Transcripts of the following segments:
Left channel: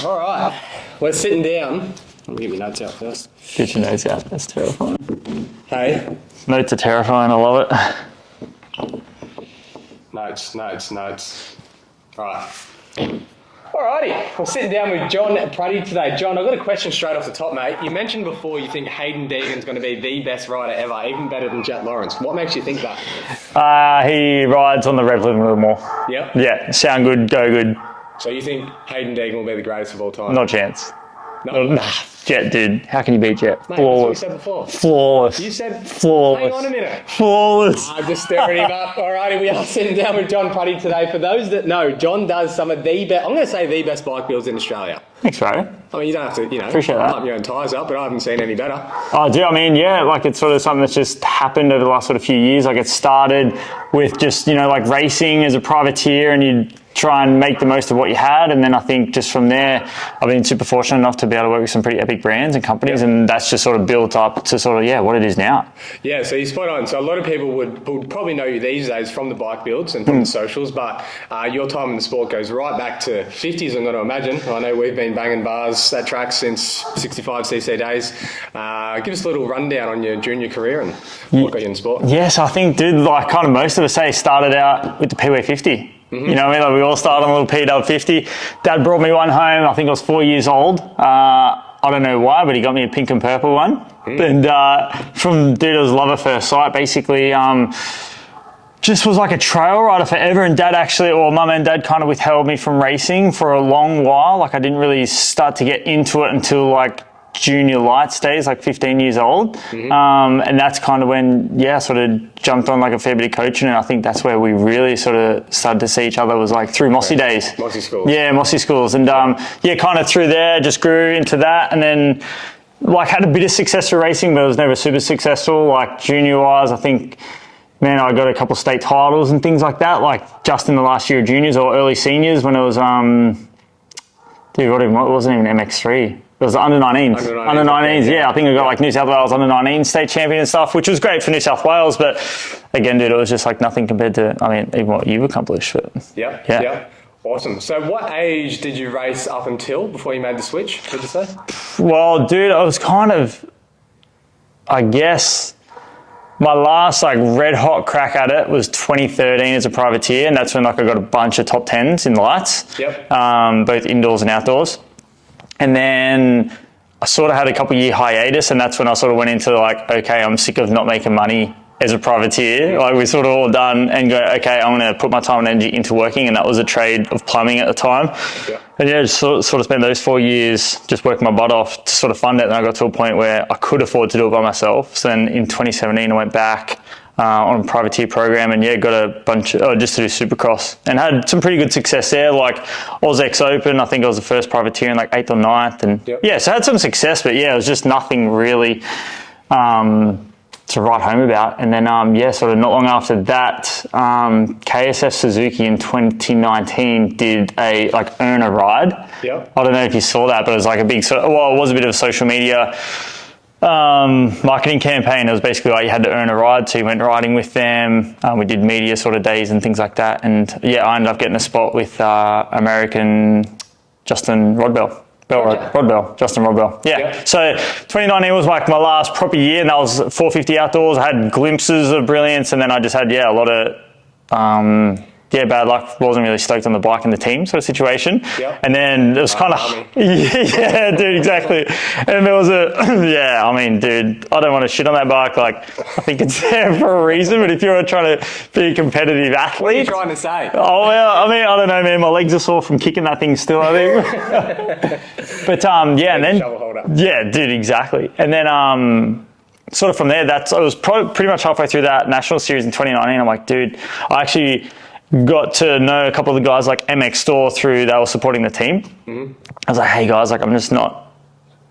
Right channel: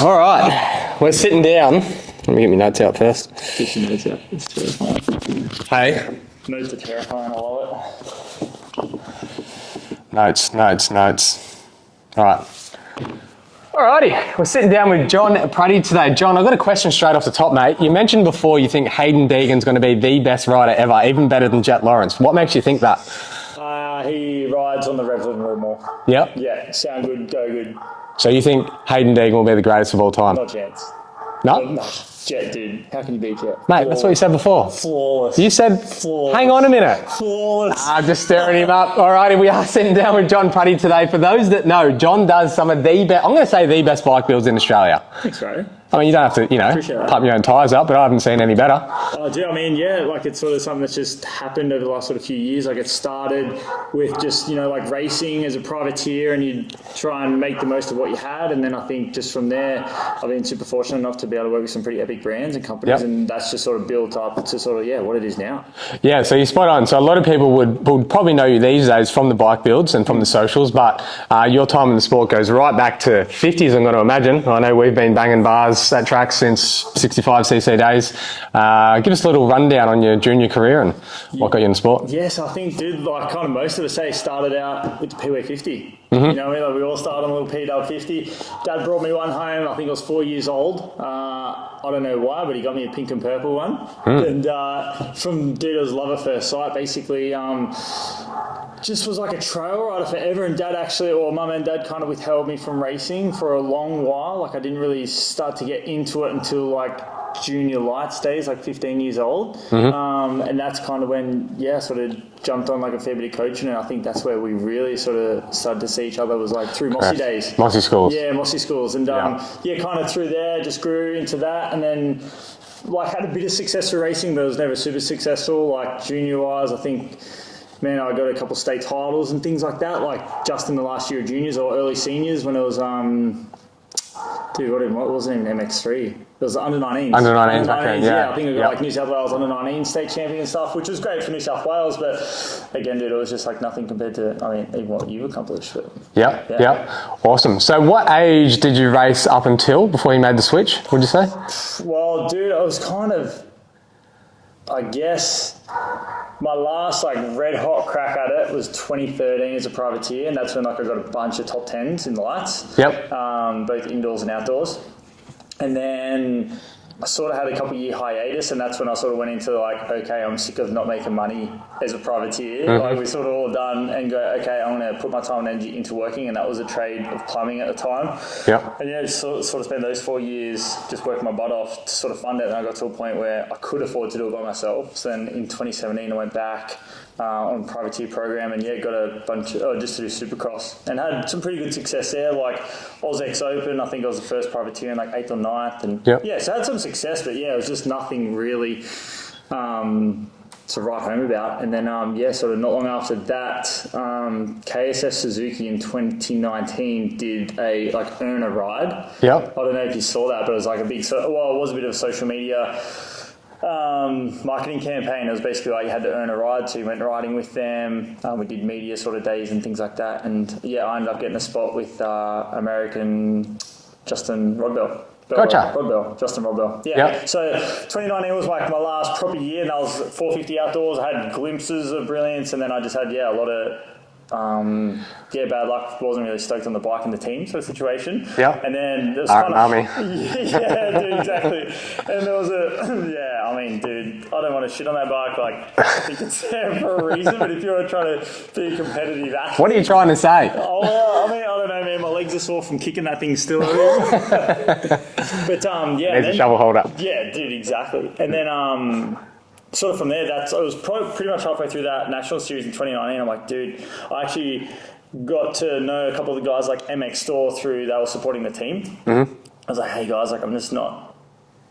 All right, we're sitting down. Let me get my notes out first. Get your notes out. That's terrifying. Hey. Notes are terrifying. I love it. Notes. All right. Alrighty, we're sitting down with John Prutti today. John, I've got a question straight off the top, mate. You mentioned before you think Hayden Deegan's going to be the best rider ever, even better than Jet Lawrence. What makes you think that? He rides on the rev limit a little more. Yep. Yeah, sound good, go good. So you think Hayden Deegan will be the greatest of all time? Not a chance. No? Nah, Jet, dude. How can you beat Jet? Mate, that's what you said before. Flawless. You said flawless. Hang on a minute. Flawless. I'm just staring him up. Alrighty, we are sitting down with John Prutti today. For those that know, John does some of the best, I'm going to say the best bike builds in Australia. Thanks, Pratty. I mean, you don't have to, pump your own tyres up, but I haven't seen any better. Oh, dude, I mean, yeah, like it's sort of something that's just happened over the last sort of few years. Like it started with just, like racing as a privateer and you try and make the most of what you had. And then I think just from there, I've been super fortunate enough to be able to work with some pretty epic brands and companies. Yep. And that's just sort of built up to sort of, what it is now. Yeah, so you're spot on. So a lot of people would probably know you these days from the bike builds and from the socials, but your time in the sport goes right back to 50s, I'm going to imagine. I know we've been banging bars at track since 65cc days. Give us a little rundown on your junior career and what got you in the sport. Yes, I think, dude, like kind of most of us say started out with the PW 50. Mm-hmm. You know what I mean? Like we all started on a little PW 50. Dad brought me one home. I think I was 4 years old. I don't know why, but he got me a pink and purple one. And it was love at first sight. Basically, just was like a trail rider forever. And Mum and Dad kind of withheld me from racing for a long while. Like I didn't really start to get into it until like junior lights days, like 15 years old. Mm-hmm. And that's kind of when, sort of jumped on like a fair bit of coaching. And I think that's where we really sort of started to see each other was like through Mossy days. Mossy schools. Yeah, Mossy schools. And kind of through there, just grew into that. And then like had a bit of success for racing, but it was never super successful. Like junior wise, I think, man, I got a couple of state titles and things like that, like just in the last year of juniors or early seniors when it was, it wasn't even MX3. It was under 19s. Under 19s, okay, yeah. I think we got like New South Wales under 19 state champion and stuff, which was great for New South Wales. But again, dude, it was just like nothing compared to, even what you've accomplished. But Yep. Awesome. So what age did you race up until before you made the switch, would you say? Well, dude, I was kind of, I guess, my last like red hot crack at it was 2013 as a privateer. And that's when like I got a bunch of top 10s in the lights. Yep. Both indoors and outdoors. And then I sort of had a couple year hiatus, and that's when I sort of went into like, okay, I'm sick of not making money as a privateer. Mm-hmm. Like we're sort of all done and go, okay, I'm going to put my time and energy into working. And that was a trade of plumbing at the time. Yep. And just sort of spent those 4 years just working my butt off to sort of fund it. And I got to a point where I could afford to do it by myself. So then in 2017, I went back on a privateer program and got a bunch just to do Supercross and had some pretty good success there, like Oz Open. I think I was the first privateer in like 8th or 9th, and so I had some success, but it was just nothing really to write home about. And then sort of not long after that, KSF Suzuki in 2019 did a like earn a ride. I don't know if you saw that, but it was like a big it was a bit of a social media marketing campaign. It was basically like you had to earn a ride, so you went riding with them. We did media sort of days and things like that, and I ended up getting a spot with American Justin Rodbell. Justin Rodbell. So 2019 was like my last proper year, and that was 450 outdoors. I had glimpses of brilliance, and then I just had a lot of bad luck. Wasn't really stoked on the bike and the team sort of situation. And then it was kind of dude, exactly. And there was dude, I don't want to shit on that bike. Like I think it's there for a reason. But if you're trying to be a competitive athlete, what are you trying to say? Oh well, I don't know, man. My legs are sore from kicking that thing still, I think. But and then shovel holder. Yeah, dude, exactly. And then sort of from there, I was pretty much halfway through that national series in 2019. I'm like, dude, I actually got to know a couple of the guys like MX Store through they were supporting the team. Mm-hmm. I was like, hey guys, like I'm just not,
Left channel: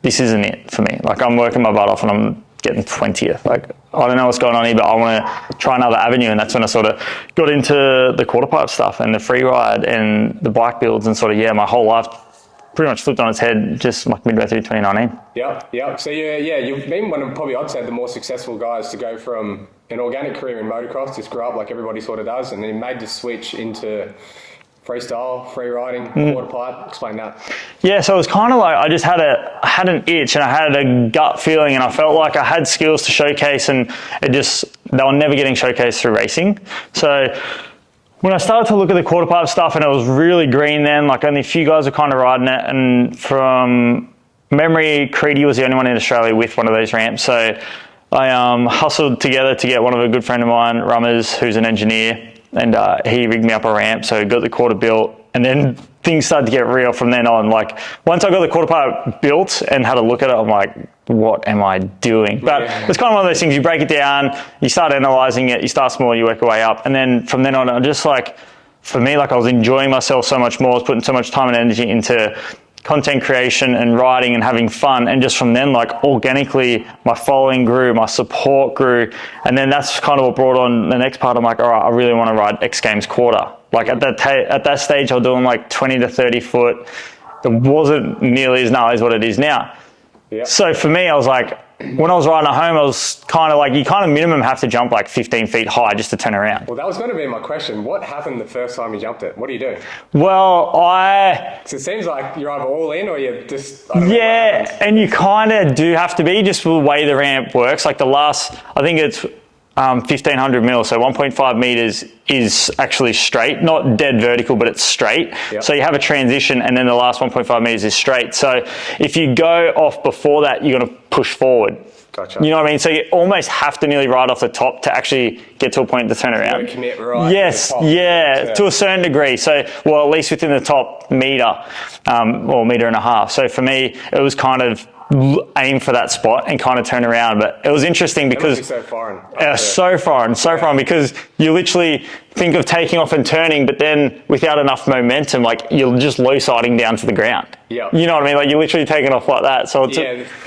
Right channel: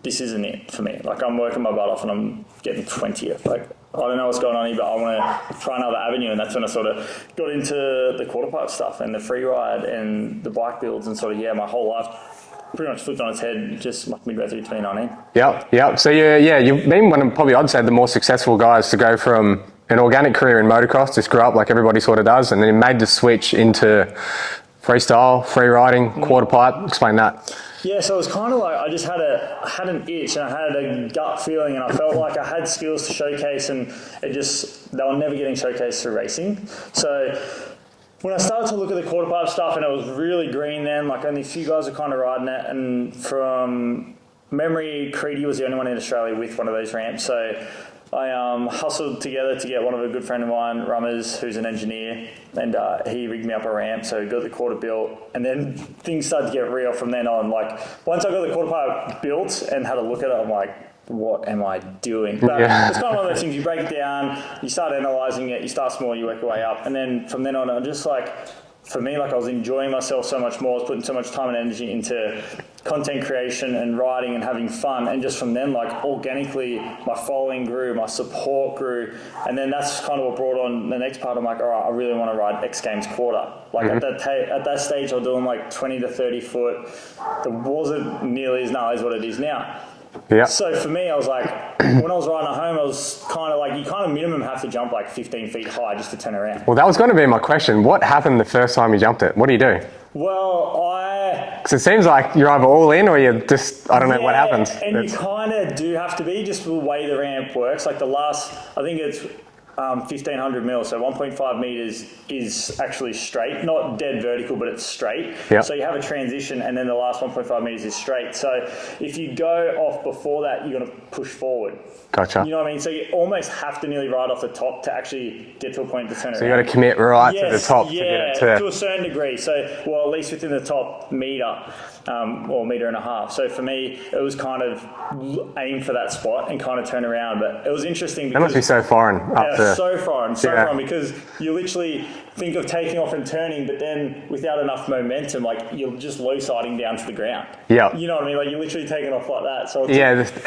this isn't it for me. Like I'm working my butt off and I'm getting 20th. Like I don't know what's going on here, but I want to try another avenue. And that's when I sort of got into the quarter pipe stuff and the free ride and the bike builds and sort of, my whole life pretty much flipped on its head just like midway through 2019. Yep. So you've been one of probably, I'd say, the more successful guys to go from an organic career in motocross, just grew up like everybody sort of does, and then made the switch into Freestyle, free riding, quarter pipe. Explain that. Yeah, so it was kind of like I just had an itch and I had a gut feeling, and I felt like I had skills to showcase, and they were never getting showcased through racing. So when I started to look at the quarter pipe stuff, and it was really green then, like only a few guys were kind of riding it, and from memory, Pratty was the only one in Australia with one of those ramps. So I hustled together to get one of a good friend of mine, Rummers, who's an engineer, and he rigged me up a ramp, so got the quarter built, and then things started to get real from then on. Like, once I got the quarter pipe built and had a look at it, I'm like, what am I doing? But it's kind of one of those things, you break it down, you start analysing it, you start small, you work your way up, and then from then on, I'm just like, for me, like I was enjoying myself so much more, I was putting so much time and energy into content creation and writing and having fun, and just from then, like, organically my following grew, my support grew, and then that's kind of what brought on the next part. I'm like, all right, I really want to ride X Games quarter. Like at that stage I was doing like 20 to 30 foot. It wasn't nearly as gnarly as what it is now. Yeah. So for me, I was like, when I was riding at home, I was kind of like, you kind of minimum have to jump like 15 feet high just to turn around. Well, that was going to be my question. What happened the first time you jumped it? What do you do? Well, because it seems like you're either all in or you're just, I don't know what happens. And you kind of do have to be, just the way the ramp works. Like the last, I think it's 1,500 mil, so 1.5 meters is actually straight, not dead vertical, but it's straight. Yep. So you have a transition, and then the last 1.5 meters is straight. So if you go off before that, you're going to push forward. Gotcha. You know what I mean? So you almost have to nearly ride off the top to actually get to a point to turn around. You got to commit right to the top. Yeah, to a certain degree. So, well, at least within the top meter, or meter and a half. So for me, it was kind of aim for that spot and kind of turn around. But it was interesting because... That must be so foreign. So foreign, because you literally think of taking off and turning, but then without enough momentum, like you're just low siding down to the ground. Yeah. You know what I mean? Like you're literally taking off like that. So it's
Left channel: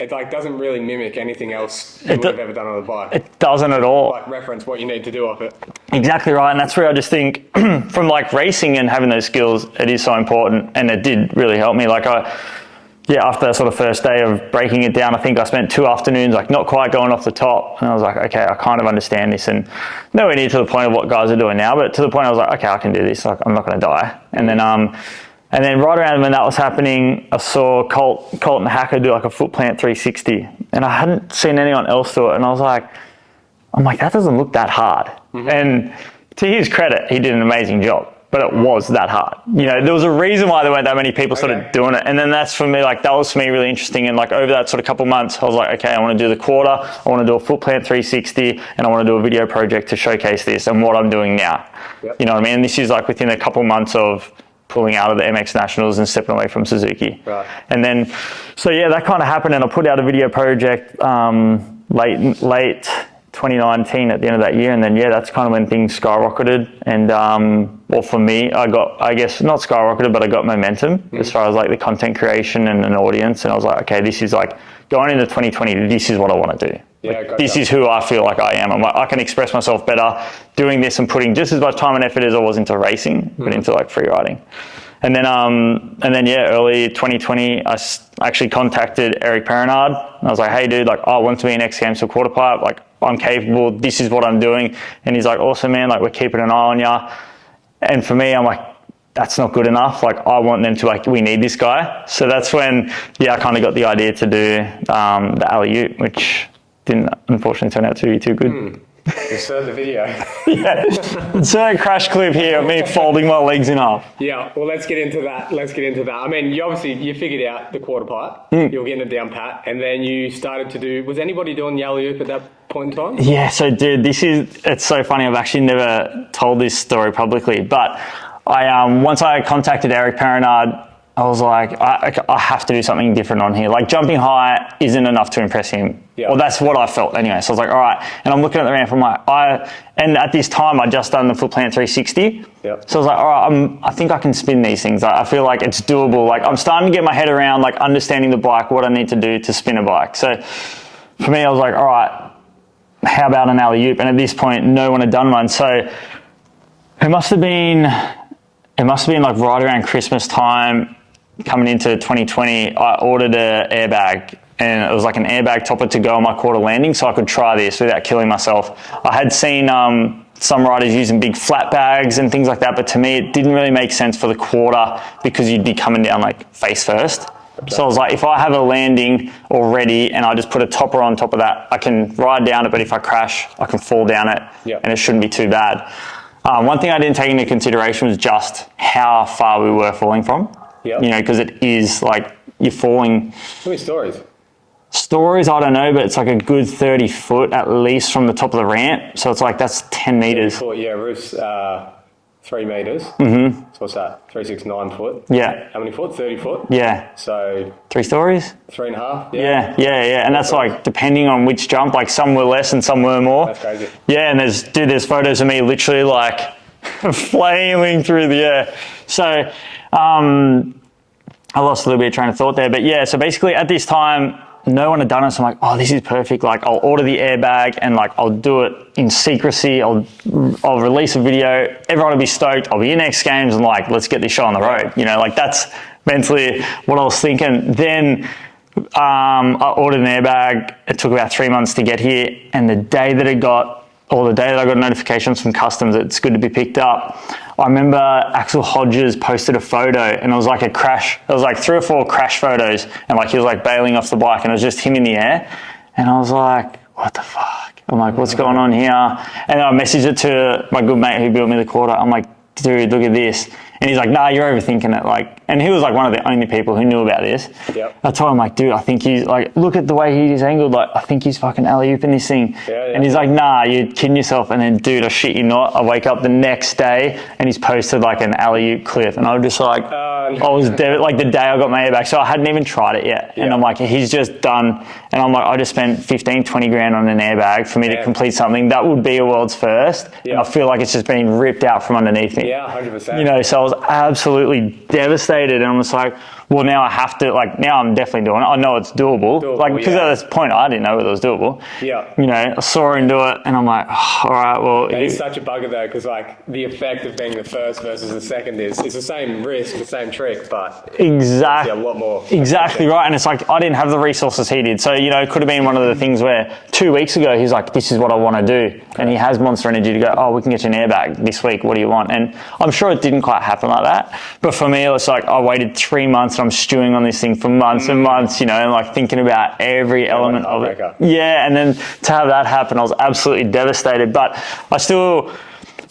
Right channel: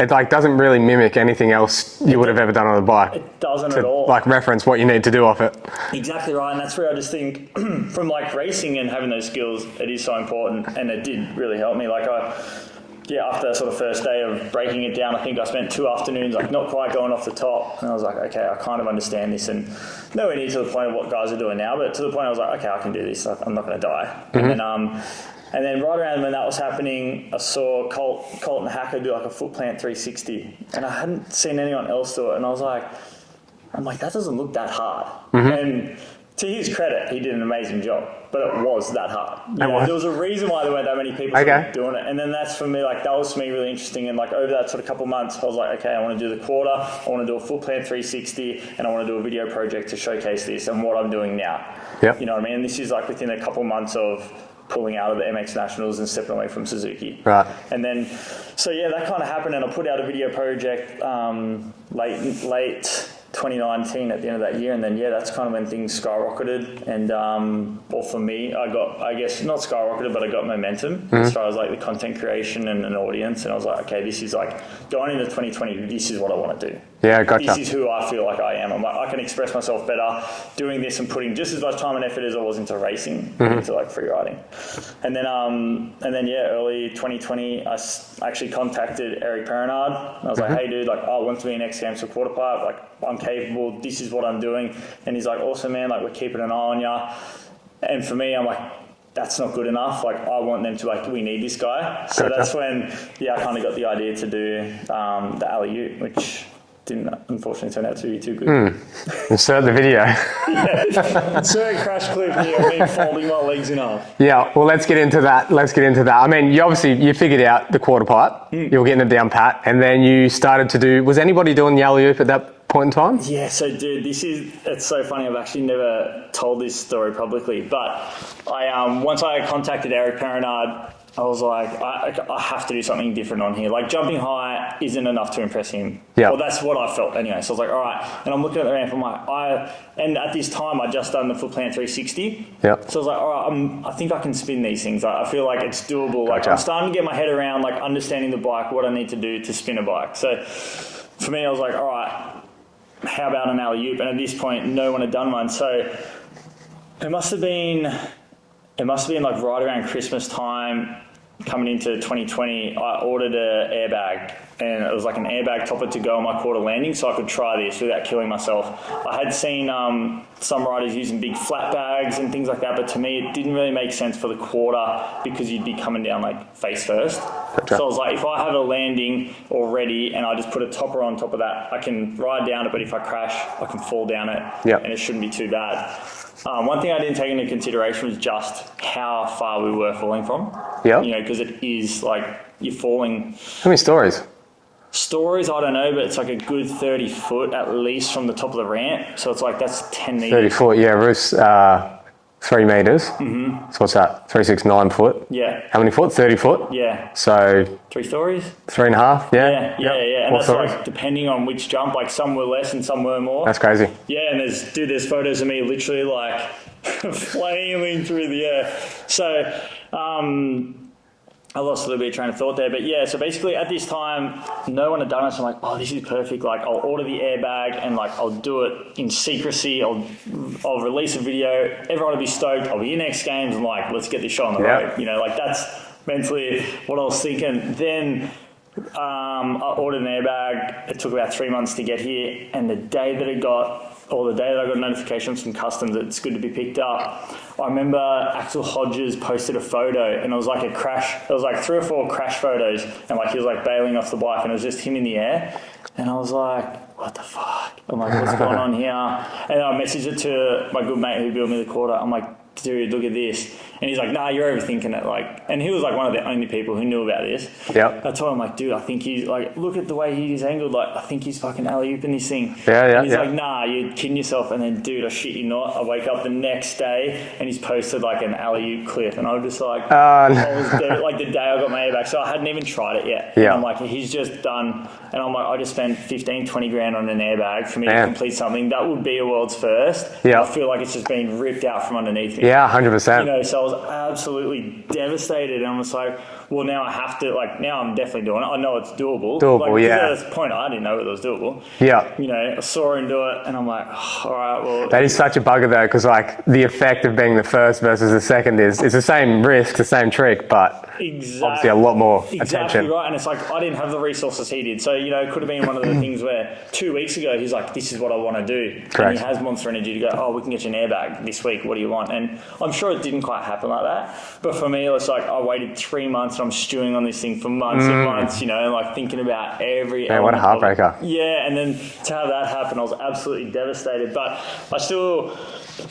it like doesn't really mimic anything else you would have ever done on a bike. It doesn't at all. Like reference what you need to do off it. Exactly right. And that's where I just think from like racing and having those skills, it is so important. And it did really help me. Like after that sort of first day of breaking it down, I think I spent 2 afternoons like not quite going off the top, and I was like, okay, I kind of understand this, and nowhere near to the point of what guys are doing now, but to the point I was like, okay, I can do this, like I'm not going to die. Mm-hmm. And then right around when that was happening, I saw Colton Hacker do like a foot plant 360, and I hadn't seen anyone else do it, and I was like, that doesn't look that hard. Mm-hmm. And to his credit, he did an amazing job. But it was that hard. You know, there was a reason why there weren't that many people sort of doing it. And then that's for me, like that was for me really interesting. And like over that sort of couple months, I was like, okay, I want to do the quarter, I want to do a foot plant 360, and I want to do a video project to showcase this and what I'm doing now. Yep. You know what I mean? And this is like within a couple months of pulling out of the MX Nationals and stepping away from Suzuki. Right. And then, so yeah, that kind of happened, and I put out a video project late 2019 at the end of that year, and then that's kind of when things skyrocketed. And well, for me, I got, I guess not skyrocketed, but I got momentum as far as like the content creation and an audience. And I was like, okay, this is like going into 2020, this is what I want to do. Yeah, gotcha. This is who I feel like I am. I'm like, I can express myself better doing this and putting just as much time and effort as I was into racing, but into like free riding. And then early 2020, I actually contacted Eric Perrinard. I was like, hey dude, like I want to be an X Games for quarter pipe. Like I'm capable, this is what I'm doing. And he's like, awesome man, like we're keeping an eye on ya. And for me, I'm like, that's not good enough. Like I want them to like, we need this guy. So that's when, I kind of got the idea to do the alley-oop, which didn't unfortunately turn out to be too good. Insert the video. Insert a crash clip here of me folding my legs in half. Yeah, well, let's get into that. I mean, you figured out the quarter pipe. You were getting it down pat, and then you started to do, was anybody doing the alley-oop at that point in time? Yeah, so dude, it's so funny. I've actually never told this story publicly, but once I contacted Eric Perrinard, I was like, I have to do something different on here. Like jumping high isn't enough to impress him. Yeah. Well, that's what I felt anyway. So I was like, all right. And I'm looking at the ramp. I'm like, and at this time I'd just done the foot plant 360. Yep. So I was like, all right, I think I can spin these things. I feel like it's doable. Like I'm starting to get my head around like understanding the bike, what I need to do to spin a bike. So for me, I was like, all right, how about an alley-oop? And at this point, no one had done one. So it must have been like right around Christmas time. Coming into 2020, I ordered an airbag, and it was like an airbag topper to go on my quarter landing so I could try this without killing myself. I had seen some riders using big flat bags and things like that, but to me it didn't really make sense for the quarter because you'd be coming down like face first. So I was like, if I have a landing already and I just put a topper on top of that, I can ride down it, but if I crash, I can fall down it, and it shouldn't be too bad. One thing I didn't take into consideration was just how far we were falling from. You know, because it is like you're falling. How many stories? Stories, I don't know, but it's like a good 30 foot at least from the top of the ramp. So it's like, that's 10 meters. 30 foot, yeah, roof's 3 meters. So what's that? 3, 6, 9 foot. Yeah. How many foot? 30 foot. Yeah. So 3 stories? 3.5. Yeah. And that's like depending on which jump, like some were less and some were more. That's crazy. Yeah, and there's photos of me literally like flailing through the air. So, I lost a little bit of train of thought there, but yeah, so basically at this time, no one had done it, so I'm like, oh, this is perfect. Like, I'll order the airbag and like, I'll do it in secrecy. I'll release a video. Everyone will be stoked. I'll be in X Games and like, let's get this show on the road. You know, like that's mentally what I was thinking. Then I ordered an airbag. It took about 3 months to get here, and the day that I got notifications from customs, it's good to be picked up. I remember Axel Hodges posted a photo and it was like a crash. It was like 3 or 4 crash photos and like he was like bailing off the bike and it was just him in the air. And I was like, what the fuck? I'm like, what's going on here? And I messaged it to my good mate who built me the quarter. I'm like, dude, look at this. And he's like, nah, you're overthinking it. Like, and he was like one of the only people who knew about this. I told him like, dude, I think he's like, look at the way he's angled. Like, I think he's fucking alley-ooping this thing. And he's like, nah, you're kidding yourself. And then, dude, I shit you not. I wake up the next day and he's posted like an alley-oop clip. And I was just like, I was like the day I got my airbag. So I hadn't even tried it yet. And I'm like, he's just done. And I'm like, I just spent 15, 20 grand on an airbag for me to complete something that would be a world's first. And I feel like it's just been ripped out from underneath me. 100%. You know, so I was absolutely devastated. And I was like, well, now I have to, like, now I'm definitely doing it. I know it's doable. Like, because at this point, I didn't know whether it was doable. You know, I saw her into it and I'm like, oh, all right, well. That is such a bugger though, because like the effect of being the first versus the second is the same risk, the same trick, but obviously a lot more. Exactly right. And it's like, I didn't have the resources he did. So, you know, it could have been one of the things where 2 weeks ago, he's like, this is what I want to do. And he has Monster Energy to go, oh, we can get you an airbag this week. What do you want? And I'm sure it didn't quite happen like that. But for me, it's like, I waited 3 months and I'm stewing on this thing for months and months, you know, and like thinking about every element of it. Yeah, and then to have that happen, I was absolutely devastated. But I still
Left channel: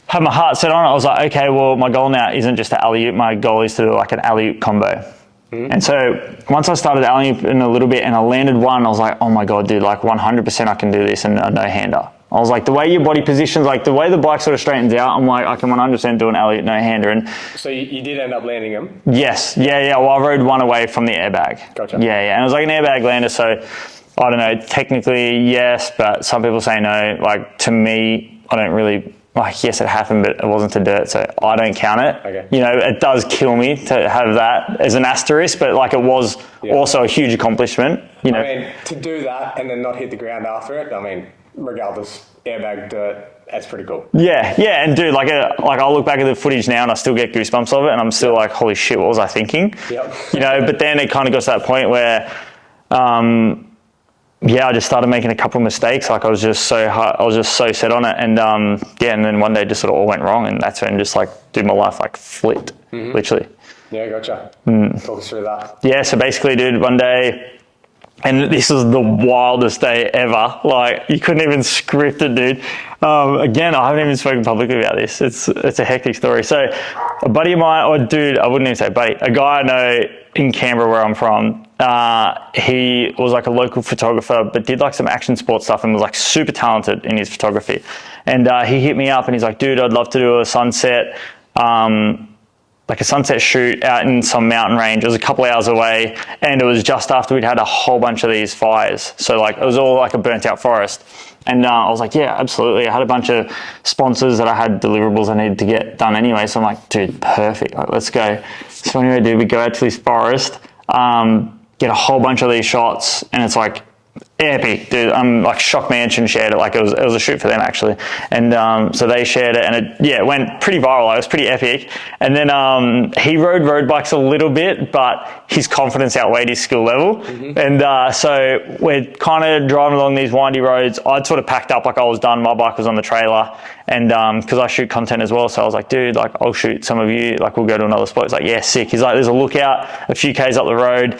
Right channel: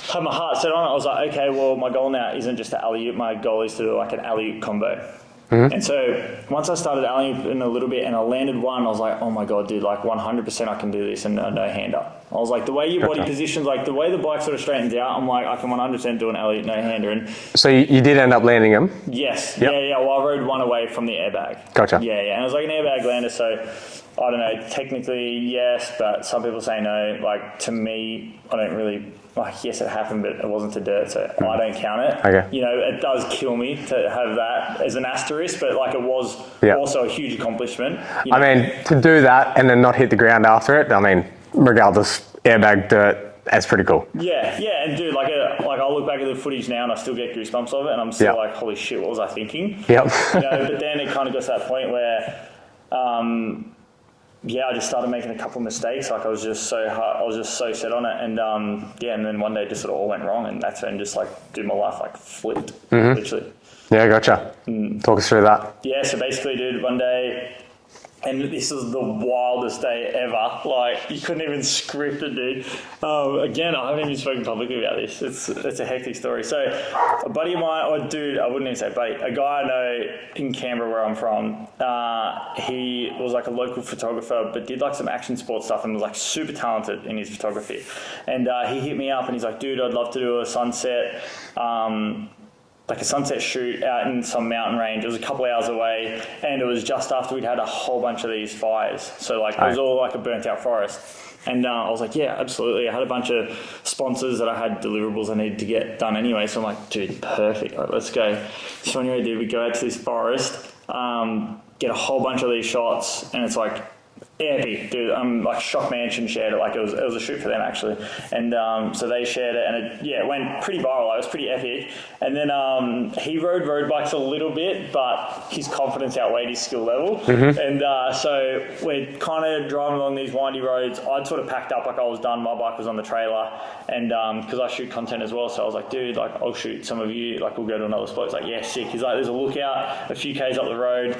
had my heart set on it. I was like, okay, well, my goal now isn't just to alley-oop. My goal is to do like an alley-oop combo. And so once I started alley-oop in a little bit and I landed one, I was like, oh my God, dude, like 100% I can do this and a no-hander. I was like, the way your body positions, like the way the bike sort of straightens out, I'm like, I can 100% do an alley-oop no-hander. And so you did end up landing them? Yes. Yeah. Well, I rode one away from the airbag. Gotcha. Yeah. And it was like an airbag lander. So I don't know, technically yes, but some people say no. Like to me, I don't really, like yes, it happened, but it wasn't to dirt. So I don't count it. Okay. You know, it does kill me to have that as an asterisk, but like it was also a huge accomplishment. You know? I mean, to do that and then not hit the ground after it, I mean, regardless, airbag, dirt, that's pretty cool. Yeah, and dude, like I'll look back at the footage now and I still get goosebumps of it, and I'm still like, holy shit, what was I thinking? You know, but then it kind of got to that point where, I just started making a couple of mistakes. Like I was just so set on it, and and then one day it just sort of all went wrong, and that's when just like, dude, my life like flipped, literally. Yeah, gotcha. Talk us through that. Yeah, so basically, dude, one day. And this was the wildest day ever. Like, you couldn't even script it, dude. Again, I haven't even spoken publicly about this. It's a hectic story. So, a buddy of mine, or dude, I wouldn't even say buddy, a guy I know in Canberra where I'm from, he was like a local photographer, but did like some action sports stuff and was like super talented in his photography. And he hit me up and he's like, dude, I'd love to do a sunset, like a sunset shoot out in some mountain range. It was a couple hours away, and it was just after we'd had a whole bunch of these fires. So like it was all like a burnt out forest. And I was like, yeah, absolutely. I had a bunch of sponsors that I had deliverables I needed to get done anyway. So I'm like, dude, perfect. Like, let's go. So anyway, dude, we go out to this forest, get a whole bunch of these shots, and it's like Epic, dude. Like Shock Mansion shared it. Like it was a shoot for them actually, and so they shared it, and it went pretty viral. Like, it was pretty epic. And then he rode road bikes a little bit, but his confidence outweighed his skill level. And so we're kind of driving along these windy roads. I'd sort of packed up, like I was done. My bike was on the trailer, and because I shoot content as well, so I was like, dude, like I'll shoot some of you. Like we'll go to another spot. He's like, yeah, sick. He's like, there's a lookout a few k's up the road.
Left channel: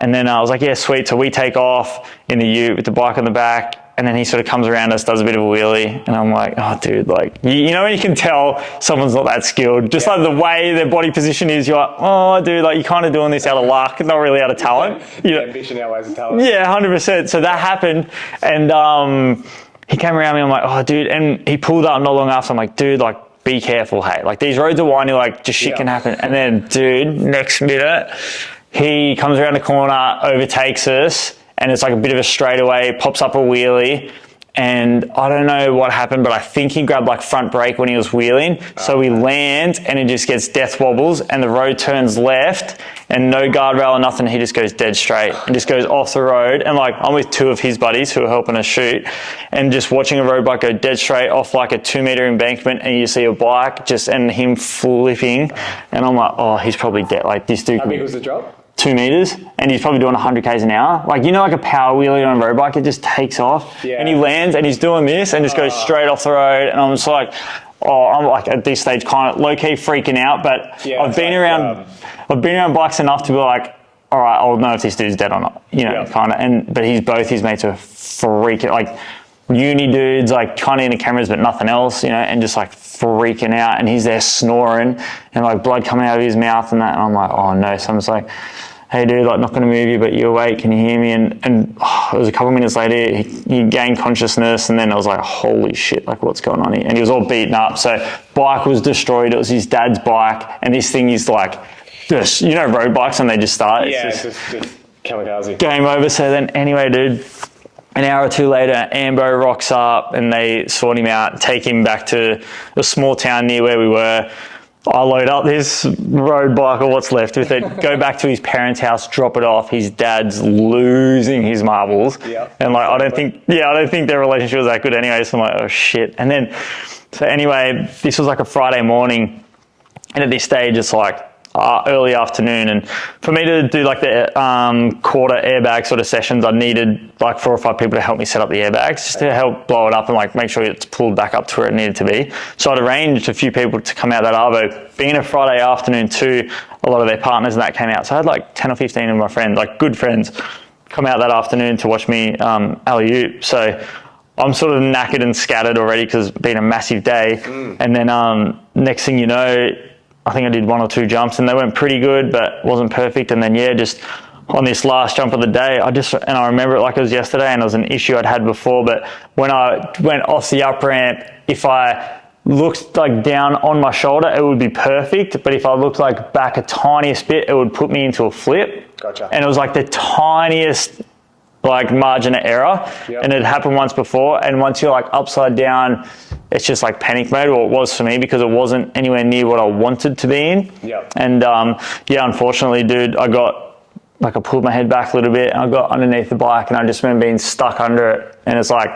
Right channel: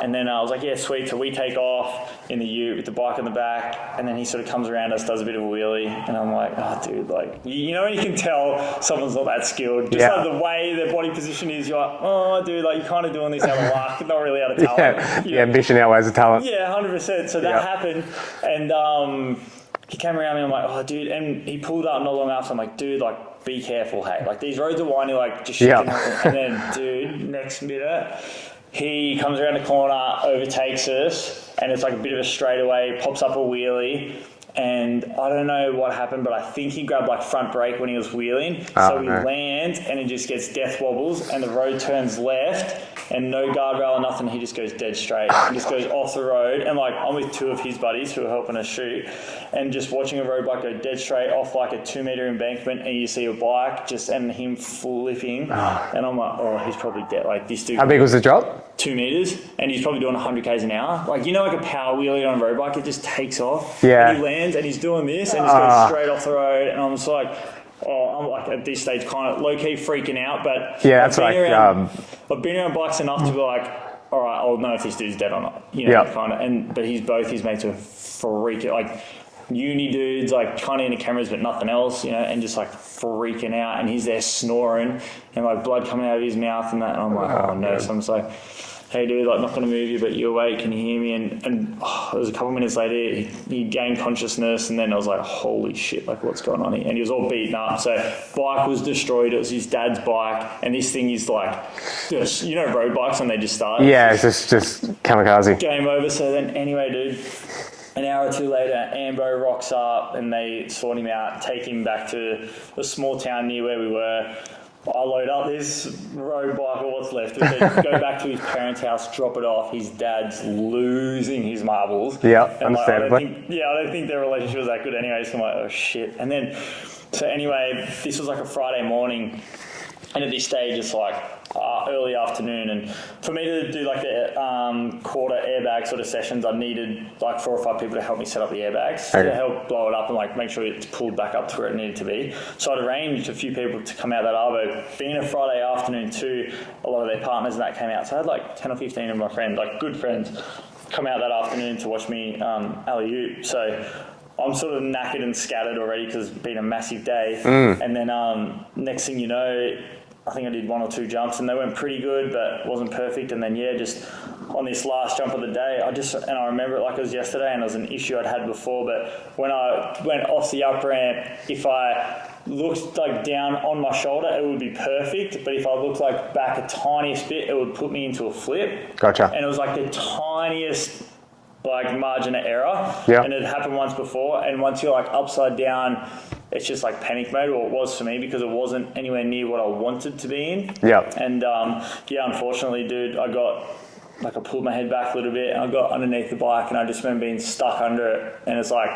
And then I was like, yeah, sweet. So we take off in the ute with the bike on the back, and then he sort of comes around us, does a bit of a wheelie, and I'm like, oh, dude, like, you know when you can tell someone's not that skilled? Just like the way their body position is, you're like, oh, dude, like you're kind of doing this out of luck, not really out of talent. Yeah, ambition outweighs the talent. Yeah, 100%. So that happened, and he came around me, I'm like, oh, dude, and he pulled up not long after. I'm like, dude, like, be careful, hey. Like, these roads are windy, like, just shit can happen. And then, dude, next minute, he comes around the corner, overtakes us, and it's like a bit of a straightaway, pops up a wheelie, and I don't know what happened, but I think he grabbed like front brake when he was wheeling. So he lands, and it just gets death wobbles, and the road turns left, and no guardrail or nothing. He just goes dead straight and just goes off the road. And like, I'm with two of his buddies who are helping us shoot, and just watching a road bike go dead straight off like a 2 meter embankment, and you see a bike just and him flipping, and I'm like, oh, he's probably dead. Like this dude. How big was the drop? 2 meters, and he's probably doing 100 k's an hour. Like, you know, like a power wheelie on a road bike, it just takes off. Yeah. And he lands, and he's doing this, and just goes straight off the road. And I'm just like, oh, I'm like at this stage kind of low key freaking out. But I've been around bikes enough to be like, all right, I'll know if this dude's dead or not. You know, kind of. And but both his mates are freaking, like uni dudes, like kind of into cameras but nothing else, you know, and just like freaking out. And he's there snoring, and like blood coming out of his mouth and that. And I'm like, oh no. So I'm just like, hey dude, like not going to move you, but you awake, can you hear me? And it was a couple of minutes later, he gained consciousness, and then I was like, holy shit, like what's going on here? And he was all beaten up. So bike was destroyed. It was his dad's bike, and this thing is like, just, you know, road bikes when they just start. Yeah, it's just kamikaze. Game over. So then anyway, dude, an hour or two later, Ambo rocks up, and they sort him out, take him back to a small town near where we were. I load up this road bike, or what's left of it, go back to his parents' house, drop it off. His dad's losing his marbles. Yeah. And like, I don't think their relationship was that good anyway. So I'm like, oh shit. And then, so anyway, this was like a Friday morning, and at this stage, it's like early afternoon, and for me to do like the quarter airbag sort of sessions, I needed like 4 or 5 people to help me set up the airbags, just to help blow it up and like make sure it's pulled back up to where it needed to be. So I'd arranged a few people to come out that arvo. Being a Friday afternoon too, a lot of their partners and that came out. So I had like 10 or 15 of my friends, like good friends, come out that afternoon to watch me alley-oop. So I'm sort of knackered and scattered already because it's been a massive day. And then next thing you know, I think I did 1 or 2 jumps, and they went pretty good, but wasn't perfect. And then, just on this last jump of the day, I remember it like it was yesterday, and it was an issue I'd had before, but when I went off the up ramp, if I looked like down on my shoulder, it would be perfect. But if I looked like back a tiniest bit, it would put me into a flip. Gotcha. And it was like the tiniest like margin of error. And it happened once before. And once you're like upside down, it's just like panic mode. Well, it was for me because it wasn't anywhere near what I wanted to be in. And unfortunately, dude, I pulled my head back a little bit, and I got underneath the bike, and I just remember being stuck under it. And it's like,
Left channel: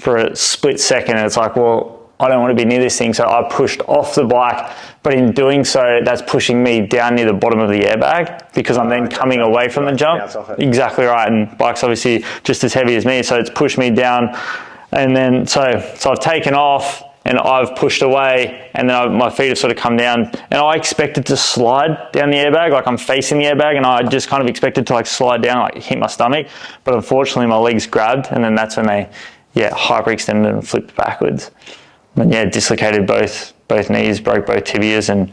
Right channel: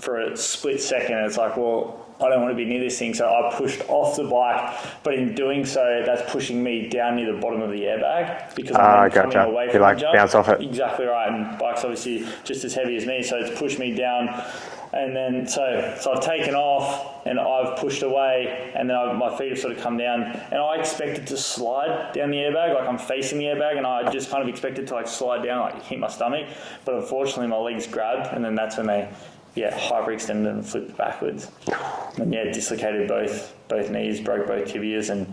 for a split second, it's like, well, I don't want to be near this thing. So I pushed off the bike, but in doing so, that's pushing me down near the bottom of the airbag because I'm then coming away from the jump. Bounce off it. Exactly right. And bike's obviously just as heavy as me. So it's pushed me down. And then, so I've taken off, and I've pushed away, and then my feet have sort of come down, and I expected to slide down the airbag. Like I'm facing the airbag, and I just kind of expected to like slide down, like hit my stomach. But unfortunately my legs grabbed, and then that's when they, hyperextended and flipped backwards. And dislocated both knees, broke both tibias, and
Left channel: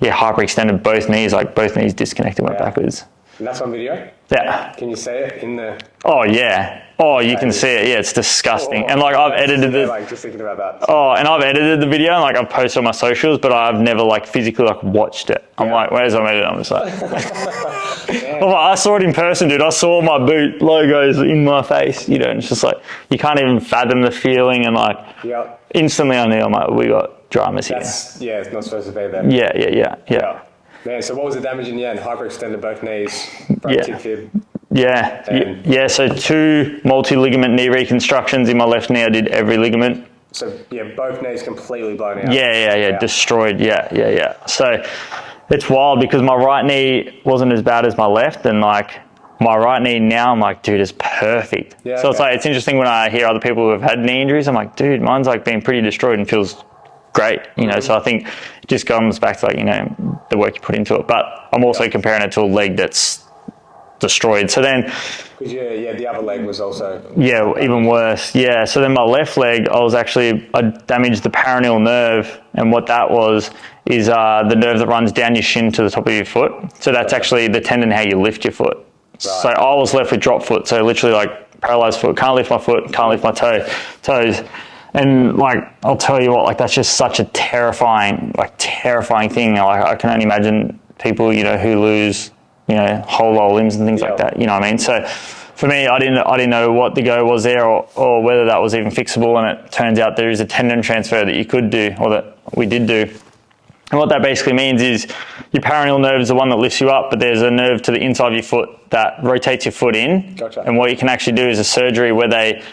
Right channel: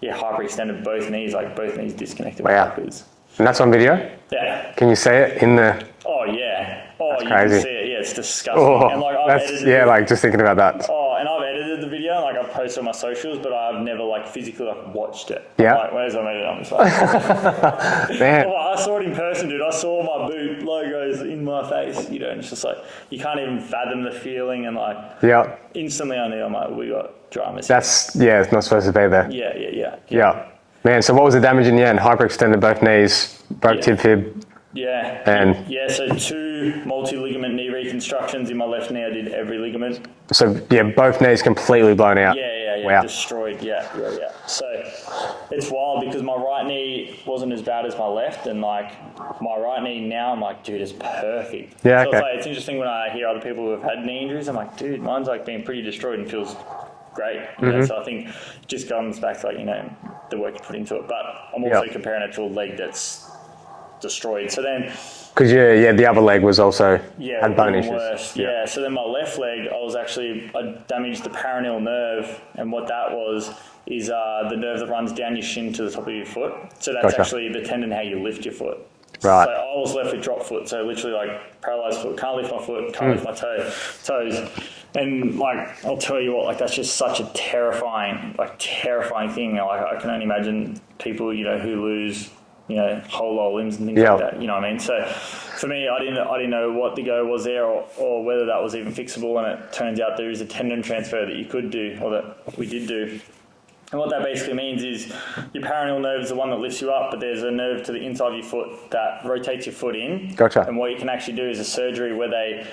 hyperextended both knees, like both knees disconnected backwards. And that's on video? Yeah. Can you see it in the... Oh, yeah. Oh, you can see it. Yeah, it's disgusting. And like I've edited it. Like just thinking about that. Oh, and I've edited the video, and like I've posted on my socials, but I've never like physically like watched it. I'm like, where's my edit? I'm just like, I saw it in person, dude. I saw my boot logos in my face, you know, and it's just like, you can't even fathom the feeling, and like instantly I knew, I'm like, we got dramas here. It's not supposed to be there. Yeah. Man, so what was the damage in the end? Hyperextended both knees, broke tib fib. Yeah. And so 2 multi-ligament knee reconstructions in my left knee. I did every ligament. so yeah, both knees completely blown out. Yeah. Wow. Destroyed. Yeah. So it's wild because my right knee wasn't as bad as my left, and like my right knee now, I'm like, dude, it's perfect. Yeah, so okay. it's like, it's interesting when I hear other people who have had knee injuries, I'm like, dude, mine's like being pretty destroyed and feels great, you know. So I think it just comes back to like, you know, the work you put into it. But I'm also comparing it to a leg that's destroyed. So then, Because the other leg was also even worse. Yeah. So then my left leg, I damaged the peroneal nerve, and what that was is the nerve that runs down your shin to the top of your foot. So that's actually the tendon how you lift your foot. Right. So I was left with drop foot. So literally like paralyzed foot, can't lift my foot, can't lift my toes. And like, I'll tell you what, like that's just such a terrifying thing. Like I can only imagine people, you know, who lose, you know, whole lower limbs and things like that. You know what I mean? So for me, I didn't know what the go was there or whether that was even fixable. And it turns out there is a tendon transfer that you could do, or that we did do. And what that basically means is your peroneal nerve is the one that lifts you up, but there's a nerve to the inside of your foot that rotates your foot in. Gotcha. And what you can actually do is a surgery where they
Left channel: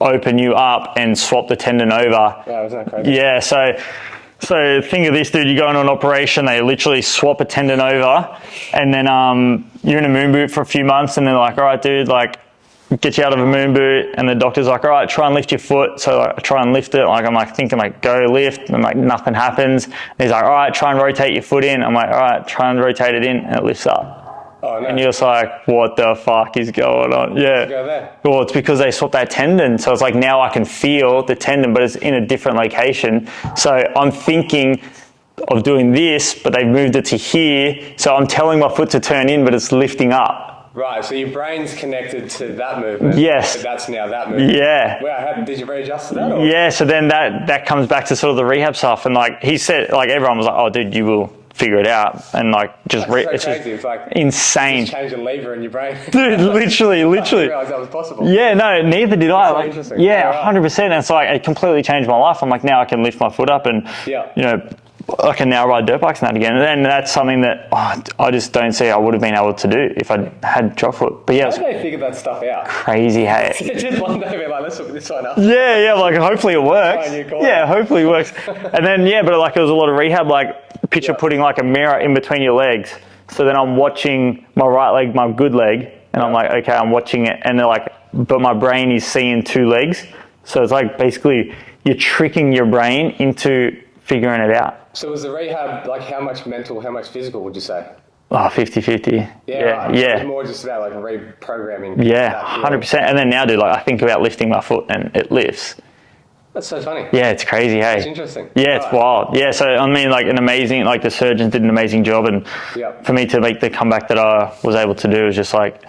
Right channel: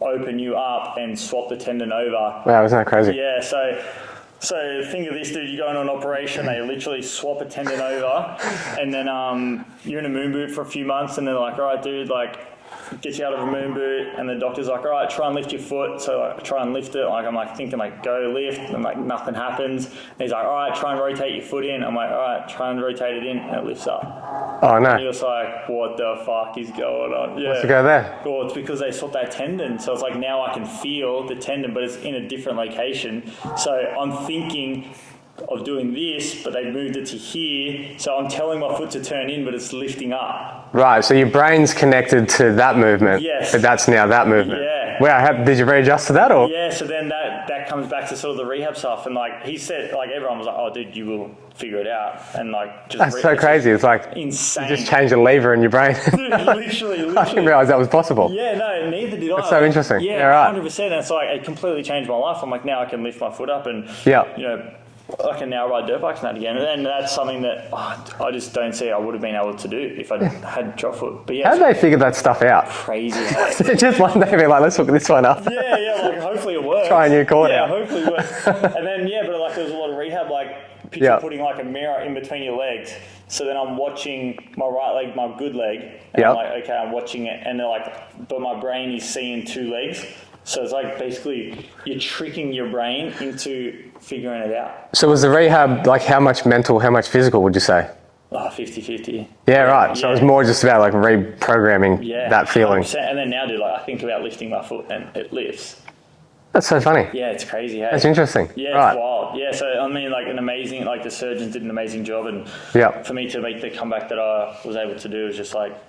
open you up and swap the tendon over. Wow, isn't that crazy? Yeah, so think of this, dude, you go on an operation, they literally swap a tendon over, and then you're in a moon boot for a few months, and they're like, all right, dude, like, get you out of a moon boot, and the doctor's like, all right, try and lift your foot. So I try and lift it. Like, I'm like thinking like, go lift, and like nothing happens. And he's like, all right, try and rotate your foot in. I'm like, all right, try and rotate it in, and it lifts up. Oh no. And you're just like, what the fuck is going on? Yeah. To go there. Well, it's because they swapped that tendon. So it's like, now I can feel the tendon, but it's in a different location. So I'm thinking of doing this, but they've moved it to here. So I'm telling my foot to turn in, but it's lifting up. Right, so your brain's connected to that movement. Yes. But that's now that movement. Yeah. Wow, did you readjust to that? Or? Yeah, so then that comes back to sort of the rehab stuff. And like he said, like everyone was like, oh, dude, you will figure it out. And like just... That's so crazy. It's like... insane. You just change a lever in your brain. Dude, literally. I didn't realise that was possible. Yeah, no, neither did I. That's so like, interesting. Yeah, right. 100%. And it's like, it completely changed my life. I'm like, now I can lift my foot up and, you know, I can now ride dirt bikes and that again. And that's something that I just don't see I would have been able to do if I had drop foot. But yeah, how did they figure that stuff out? Crazy. Hey. Just one day be like, let's look this one up. Yeah, like hopefully it works. Try a new corner. Yeah, hopefully it works. And then, but like there was a lot of rehab, like picture putting like a mirror in between your legs. So then I'm watching my right leg, my good leg, and I'm like, okay, I'm watching it. And they're like, but my brain is seeing 2 legs. So it's like basically you're tricking your brain into figuring it out. So was the rehab like how much mental, how much physical would you say? Oh, 50-50. Yeah, right. So it was more just about like reprogramming that feeling. 100%. And then now, dude, like I think about lifting my foot and it lifts. That's so funny. Yeah, it's crazy, hey? That's interesting. Yeah, it's wild. Yeah, so I mean like the surgeons did an amazing job, and for me to make the comeback that I was able to do was just like,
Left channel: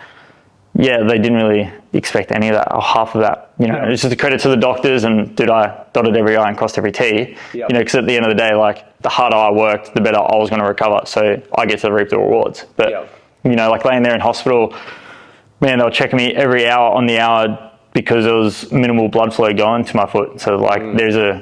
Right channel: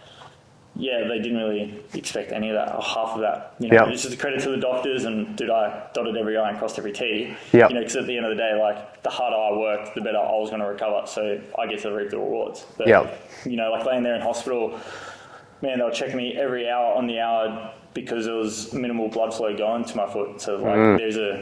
yeah, they didn't really expect any of that or half of that. You know, it's just a credit to the doctors, and dude, I dotted every I and crossed every T. You know, because at the end of the day, like the harder I worked, the better I was going to recover. So I get to reap the rewards. But you know, like laying there in hospital, man, they were checking me every hour on the hour because there was minimal blood flow going to my foot. So like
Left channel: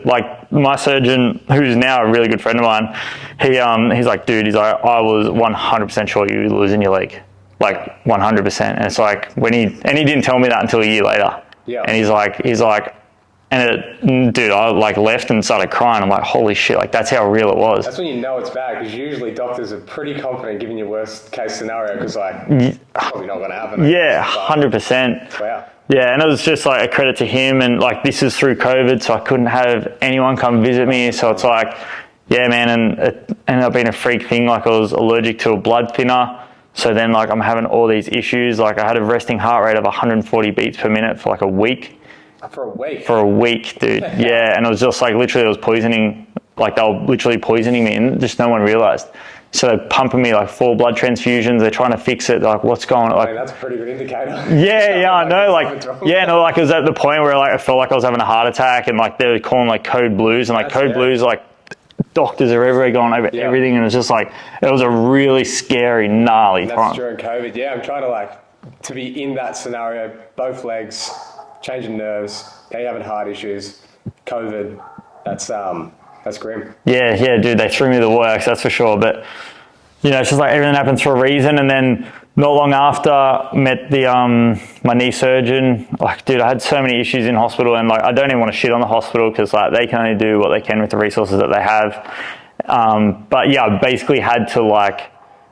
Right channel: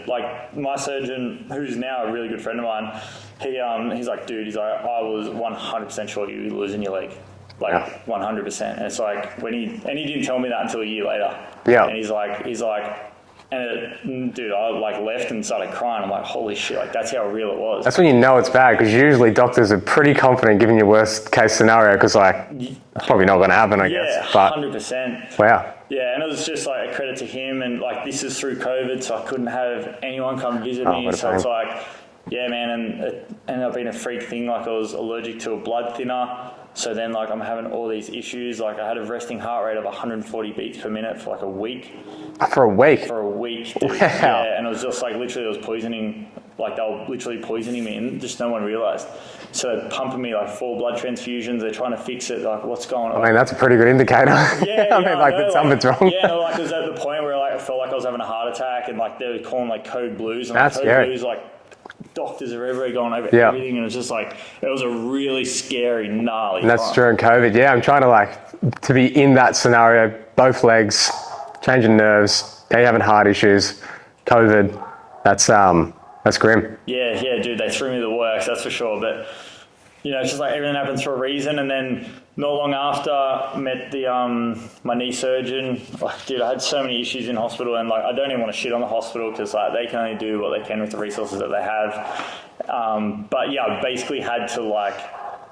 like my surgeon, who's now a really good friend of mine, he's like, dude, he's like, I was 100% sure you were losing your leg. Like 100%. And it's like when he didn't tell me that until a year later. Yeah. And he's like, dude, I like left and started crying. I'm like, holy shit, like that's how real it was. That's when you know it's bad, because usually doctors are pretty confident giving you worst case scenario, because like probably not going to happen. I guess. 100%. Wow. Yeah, and it was just like a credit to him, and like this is through COVID, so I couldn't have anyone come visit me. So it's like, yeah, man, and it ended up being a freak thing. Like I was allergic to a blood thinner. So then like I'm having all these issues. Like I had a resting heart rate of 140 beats per minute for like a week. For a week? For a week, dude. Yeah, and it was just like literally it was poisoning. Like they were literally poisoning me, and just no one realized. So they're pumping me like 4 blood transfusions. They're trying to fix it. They're like, what's going on? I mean, that's a pretty good indicator. Yeah, I know. Like, something's wrong. Yeah, no, like it was at the point where like I felt like I was having a heart attack, and like they were calling like code blues, and like code blues, like doctors are everywhere going over everything, and it was just like it was a really scary, gnarly. And that's during COVID. Yeah, I'm trying to like to be in that scenario. Both legs, changing nerves. Now you're having heart issues. COVID. That's grim. Yeah, dude, they threw me the works, that's for sure. But you know, it's just like everything happens for a reason. And then not long after, met the my knee surgeon. Like, dude, I had so many issues in hospital, and like, I don't even want to shit on the hospital because like they can only do what they can with the resources that they have. But yeah, I basically had to like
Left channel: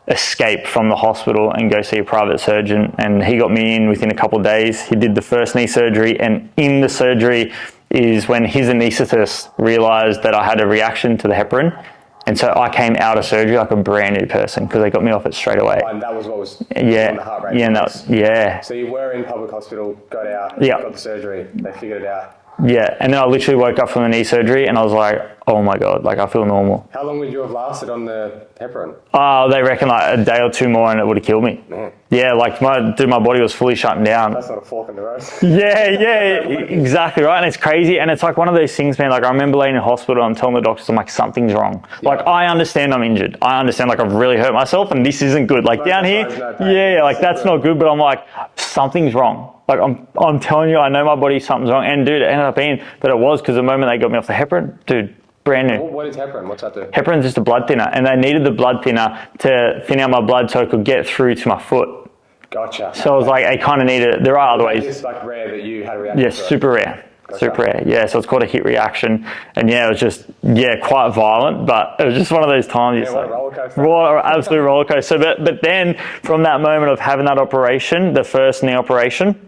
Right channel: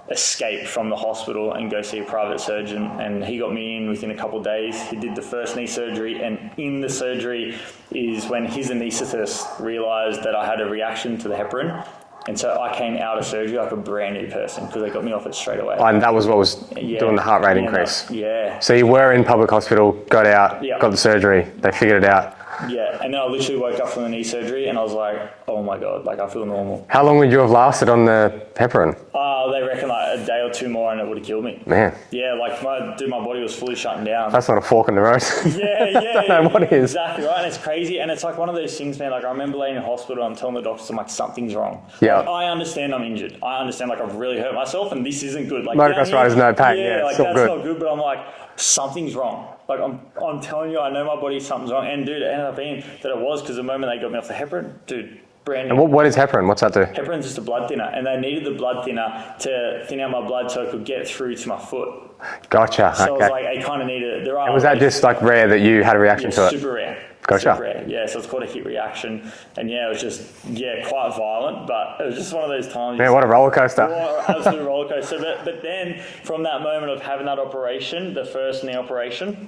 escape from the hospital and go see a private surgeon, and he got me in within a couple of days. He did the first knee surgery, and in the surgery is when his anaesthetist realized that I had a reaction to the heparin. And so I came out of surgery like a brand new person because they got me off it straight away. And that was what was doing the heart rate increase. Yeah. So you were in public hospital, got out, got the surgery, they figured it out. Yeah, and then I literally woke up from the knee surgery and I was like, oh my God, like I feel normal. How long would you have lasted on the heparin? They reckon like a day or two more and it would have killed me. Man. Yeah, like my body was fully shutting down. That's not a fork in the road. Yeah, exactly right. And it's crazy. And it's like one of those things, man, like I remember laying in hospital, I'm telling the doctors, I'm like, something's wrong. Yeah. Like I understand I'm injured. I understand like I've really hurt myself and this isn't good. Like down here, no pain. Yeah, like that's not good, but I'm like, something's wrong. Like I'm telling you, I know my body, something's wrong. And dude, it ended up being that it was because the moment they got me off the heparin, dude, brand new. What is heparin? What's that do? Heparin's just a blood thinner, and they needed the blood thinner to thin out my blood so it could get through to my foot. Gotcha. So it was like, I kind of needed it. There are was other that ways. just like rare that you had a reaction to it? Yeah, super rare. Gotcha. Super rare. Yeah, so it's called a hit reaction. And yeah, it was just, quite violent, but it was just one of those times. Man, what a roller coaster. What an absolute roller coaster. But then from that moment of having that operation, the first knee operation,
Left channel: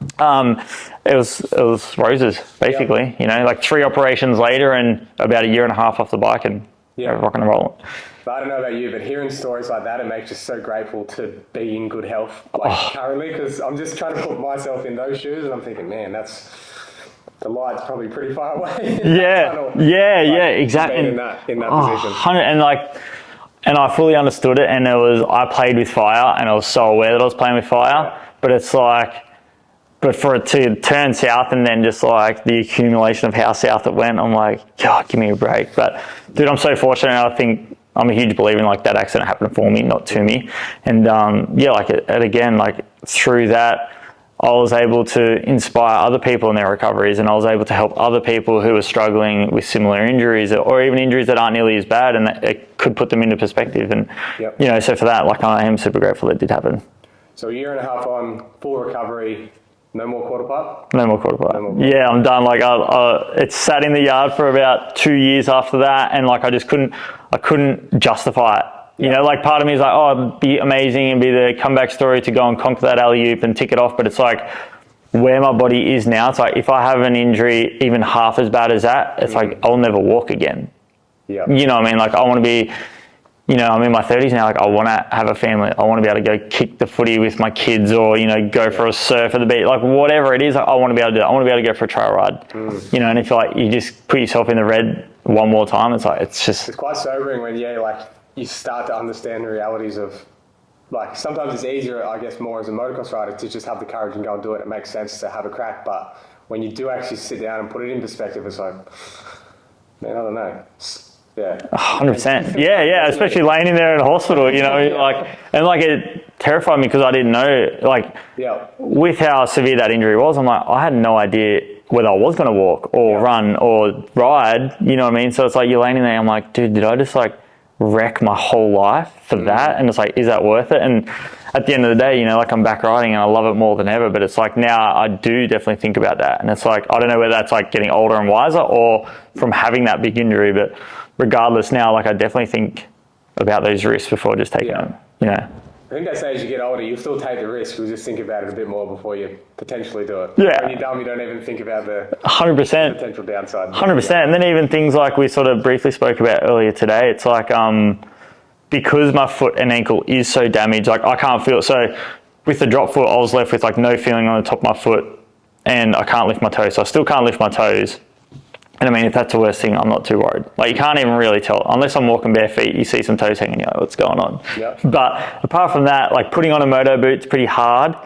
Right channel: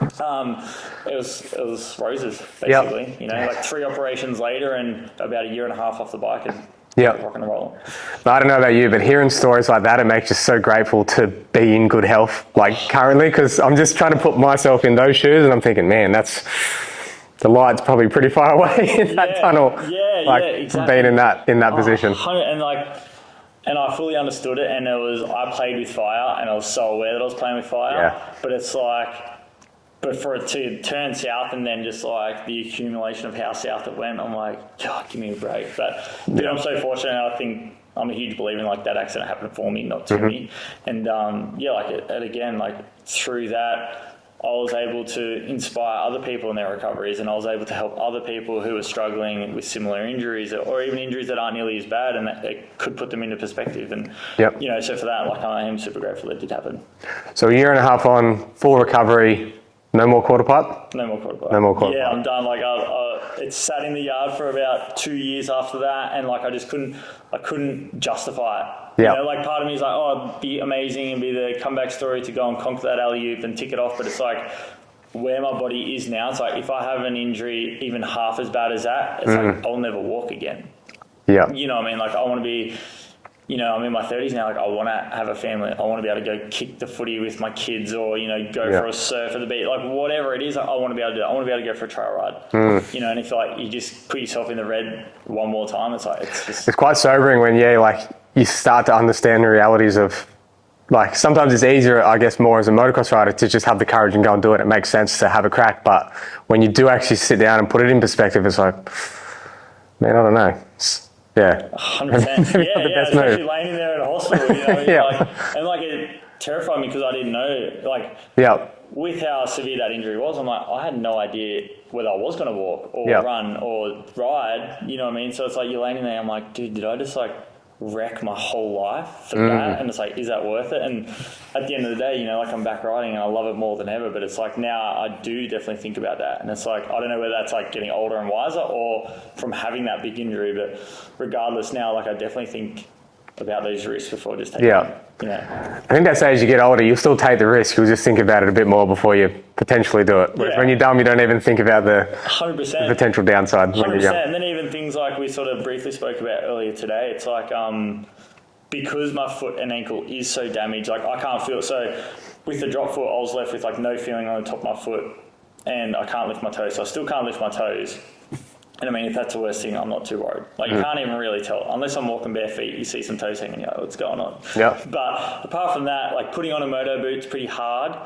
it was roses, basically. Yep. You know, like 3 operations later and about a year and a half off the bike and rock and roll. I don't know about you, but hearing stories like that, it makes you so grateful to be in good health, like currently, because I'm just trying to put myself in those shoes and I'm thinking, man, the light's probably pretty far away in that tunnel. Yeah, exactly. Being in that position. And I fully understood it, and I played with fire and I was so aware that I was playing with fire, but it's like, but for it to turn south and then just like the accumulation of how south it went, I'm like, God, give me a break. But dude, I'm so fortunate. I think I'm a huge believer in like that accident happened for me, not to me. And like through that, I was able to inspire other people in their recoveries, and I was able to help other people who are struggling with similar injuries or even injuries that aren't nearly as bad, and that it could put them into perspective. And, so for that, like I am super grateful it did happen. So a year and a half on, full recovery. No more quarter pipe? No more quarter pipe. Yeah, I'm done. Like it sat in the yard for about 2 years after that, and like I couldn't justify it. You know, like part of me is like, oh, it'd be amazing and be the comeback story to go and conquer that alley-oop and tick it off. But it's like where my body is now. It's like if I have an injury even half as bad as that, it's like I'll never walk again. Yeah. You know what I mean? Like I want to be, I'm in my 30s now. Like I want to have a family. I want to be able to go kick the footy with my kids, or go for a surf at the beach. Like whatever it is, I want to be able to do. I want to be able to go for a trail ride. And if you just put yourself in the red one more time, it's like it's quite sobering when you start to understand the realities of. Like sometimes it's easier, I guess, more as a motocross rider to just have the courage and go and do it. It makes sense to have a crack, but when you do actually sit down and put it in perspective, it's like, man, I don't know. Yeah, 100%. Yeah, especially laying in there in a hospital, it terrified me because I didn't know, with how severe that injury was. I'm like, I had no idea whether I was going to walk or run or ride. You know what I mean? So it's like you're laying in there. I'm like, dude, did I just wreck my whole life for that? And it's like, is that worth it? And at the end of the day, I'm back riding and I love it more than ever. But it's like now I do definitely think about that. And it's like, I don't know whether that's getting older and wiser or from having that big injury, but regardless now, I definitely think about those risks before just taking them. I think that's as you get older, you'll still take the risk. You'll just think about it a bit more before you potentially do it. When you're dumb, you don't even think about the 100% the potential downside. 100%. And then even things like we sort of briefly spoke about earlier today, it's like because my foot and ankle is so damaged, I can't feel it. So with the drop foot, I was left with no feeling on the top of my foot, and I can't lift my toes. So I still can't lift my toes. And I mean, if that's the worst thing, I'm not too worried. You can't even really tell. Unless I'm walking bare feet, you see some toes hanging, you're like, what's going on? But apart from that, putting on a moto boot's pretty hard.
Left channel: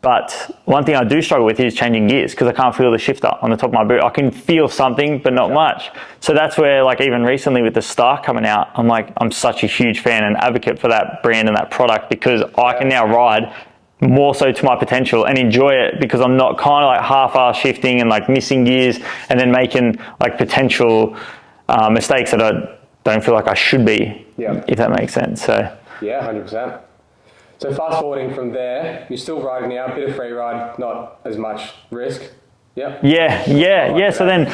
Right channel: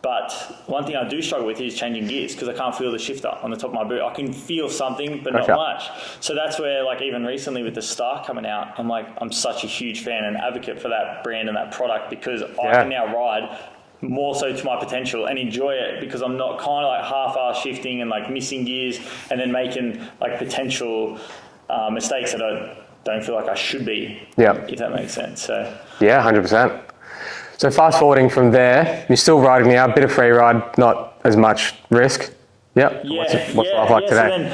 But one thing I do struggle with is changing gears because I can't feel the shifter on the top of my boot. I can feel something, but not much. So that's where, even recently with the Star coming out, I'm such a huge fan and advocate for that brand and that product because I can now ride more so to my potential and enjoy it because I'm not kind of half-ass shifting and missing gears and then making potential mistakes that I don't feel like I should be, if that makes sense. So yeah, 100%. So fast forwarding from there, you're still riding now, a bit of free ride, not as much risk. Yep. Yeah. So then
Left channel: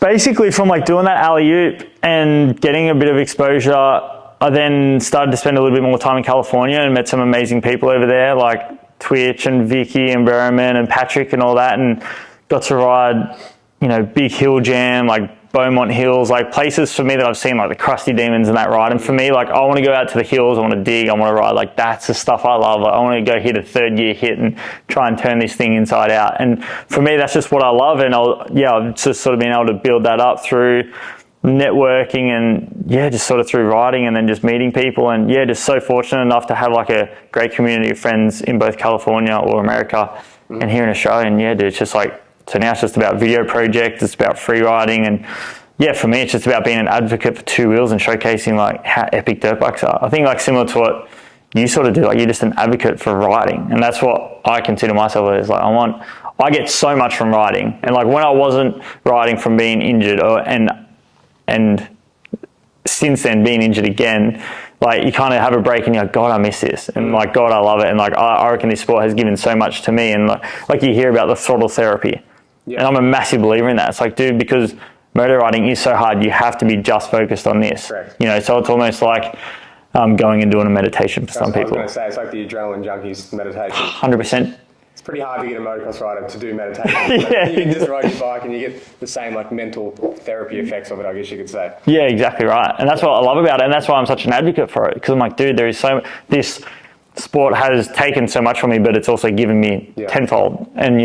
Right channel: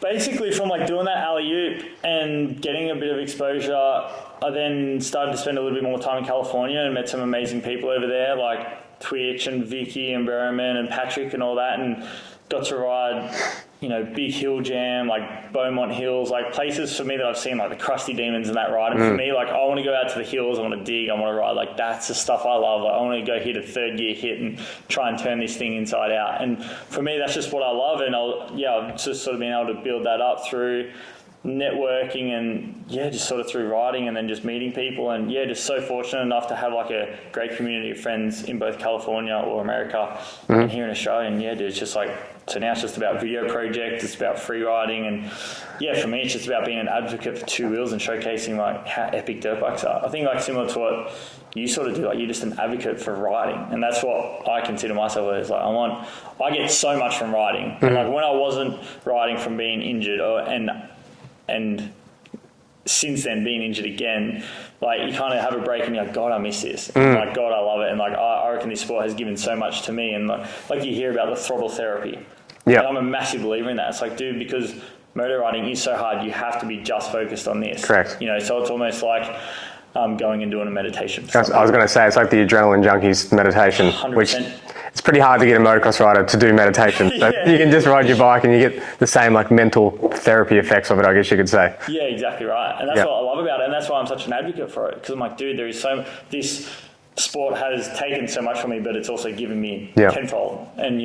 basically from like doing that alley-oop and getting a bit of exposure, I then started to spend a little bit more time in California and met some amazing people over there, like Twitch and Vicky and Berriman and Patrick and all that, and got to ride, Big Hill Jam, like Beaumont Hills, like places for me that I've seen, like the Crusty Demons and that ride. And for me, like I want to go out to the hills, I want to dig, I want to ride, like that's the stuff I love. Like, I want to go hit a third gear hit and try and turn this thing inside out. And for me, that's just what I love. And I've just sort of been able to build that up through networking and just sort of through riding and then just meeting people. And just so fortunate enough to have like a great community of friends in both California or America and here in Australia. And dude, it's just like, so now it's just about video projects, it's about free riding, and for me it's just about being an advocate for two wheels and showcasing like how epic dirt bikes are. I think like similar to what you sort of do, like you're just an advocate for riding, and that's what I consider myself as. Like I get so much from riding, and like when I wasn't riding from being injured and since then being injured again, like you kind of have a break and you're like, God, I miss this. And like, God, I love it. And like, I reckon this sport has given so much to me. And like you hear about the throttle therapy. Yeah. And I'm a massive believer in that. It's like, dude, because motor riding is so hard, you have to be just focused on this. Correct. So it's almost like going and doing a meditation. For some people. I was going to say, it's like the adrenaline junkies meditation. 100%. It's pretty hard to get a motocross rider to do meditation. You can just ride your bike and you get the same like mental therapy effects of it, I guess you could say. Yeah, exactly right. And that's what I love about it. And that's why I'm such an advocate for it. Because I'm like, dude, there is this sport has taken so much from me, but it's also given me tenfold. And,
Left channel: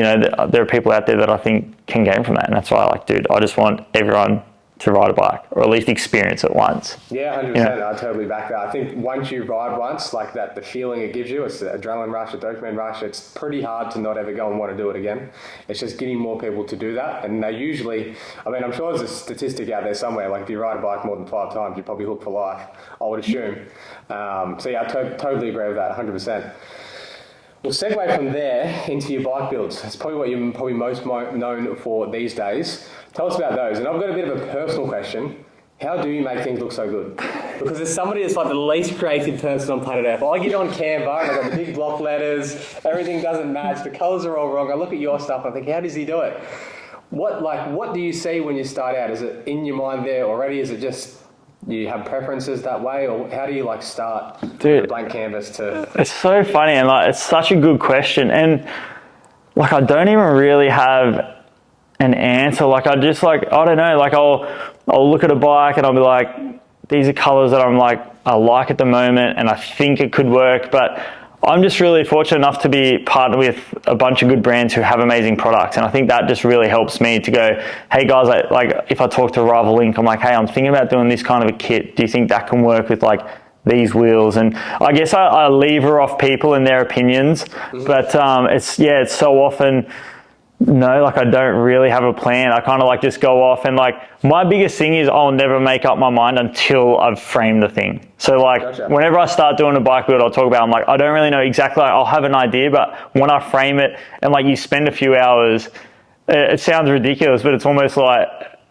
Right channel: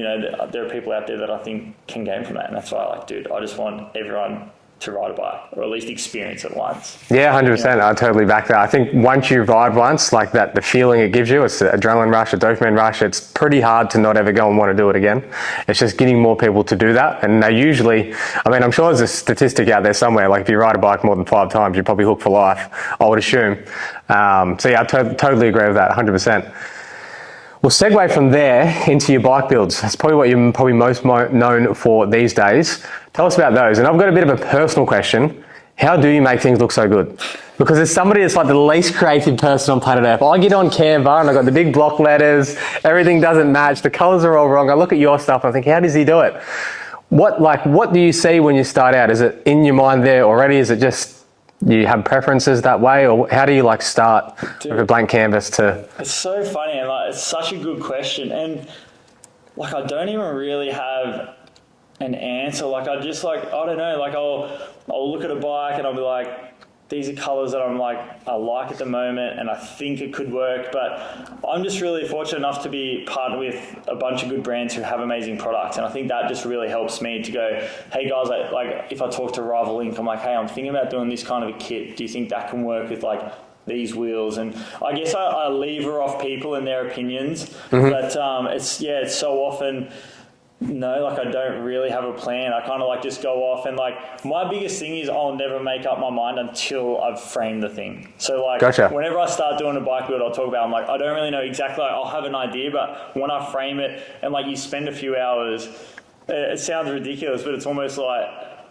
there are people out there that I think can gain from that. And that's why I just want everyone to ride a bike, or at least experience it once. Yeah, 100%. I totally back that. I think once you ride once, like that, the feeling it gives you, it's an adrenaline rush, a dopamine rush. It's pretty hard to not ever go and want to do it again. It's just getting more people to do that. And they usually, I'm sure there's a statistic out there somewhere, like if you ride a bike more than 5 times, you're probably hooked for life, I would assume. I totally agree with that, 100%. We'll segue from there into your bike builds. That's probably what you're probably most known for these days. Tell us about those. And I've got a bit of a personal question. How do you make things look so good? Because as somebody that's like the least creative person on planet Earth, I get on Canva and I've got the big block letters, everything doesn't match, the colors are all wrong. I look at your stuff and I think, how does he do it? What do you see when you start out? Is it in your mind there already? Is it just you have preferences that way, or how do you start with a blank canvas to? It's so funny, and it's such a good question, and I don't even really have an answer. I just I don't know. I'll look at a bike and I'll be like, these are colors that I like at the moment, and I think it could work, but I'm just really fortunate enough to be partnered with a bunch of good brands who have amazing products. And I think that just really helps me to go, hey guys, if I talk to Rival Link, I'm like, hey, I'm thinking about doing this kind of a kit. Do you think that can work with these wheels? And I guess I lever off people and their opinions, but it's so often, no, I don't really have a plan. I kind of just go off, and my biggest thing is I'll never make up my mind until I've framed the thing. So Gotcha. Whenever I start doing a bike build, I'll talk about, I don't really know exactly, I'll have an idea, but when I frame it and you spend a few hours, it sounds ridiculous, but it's almost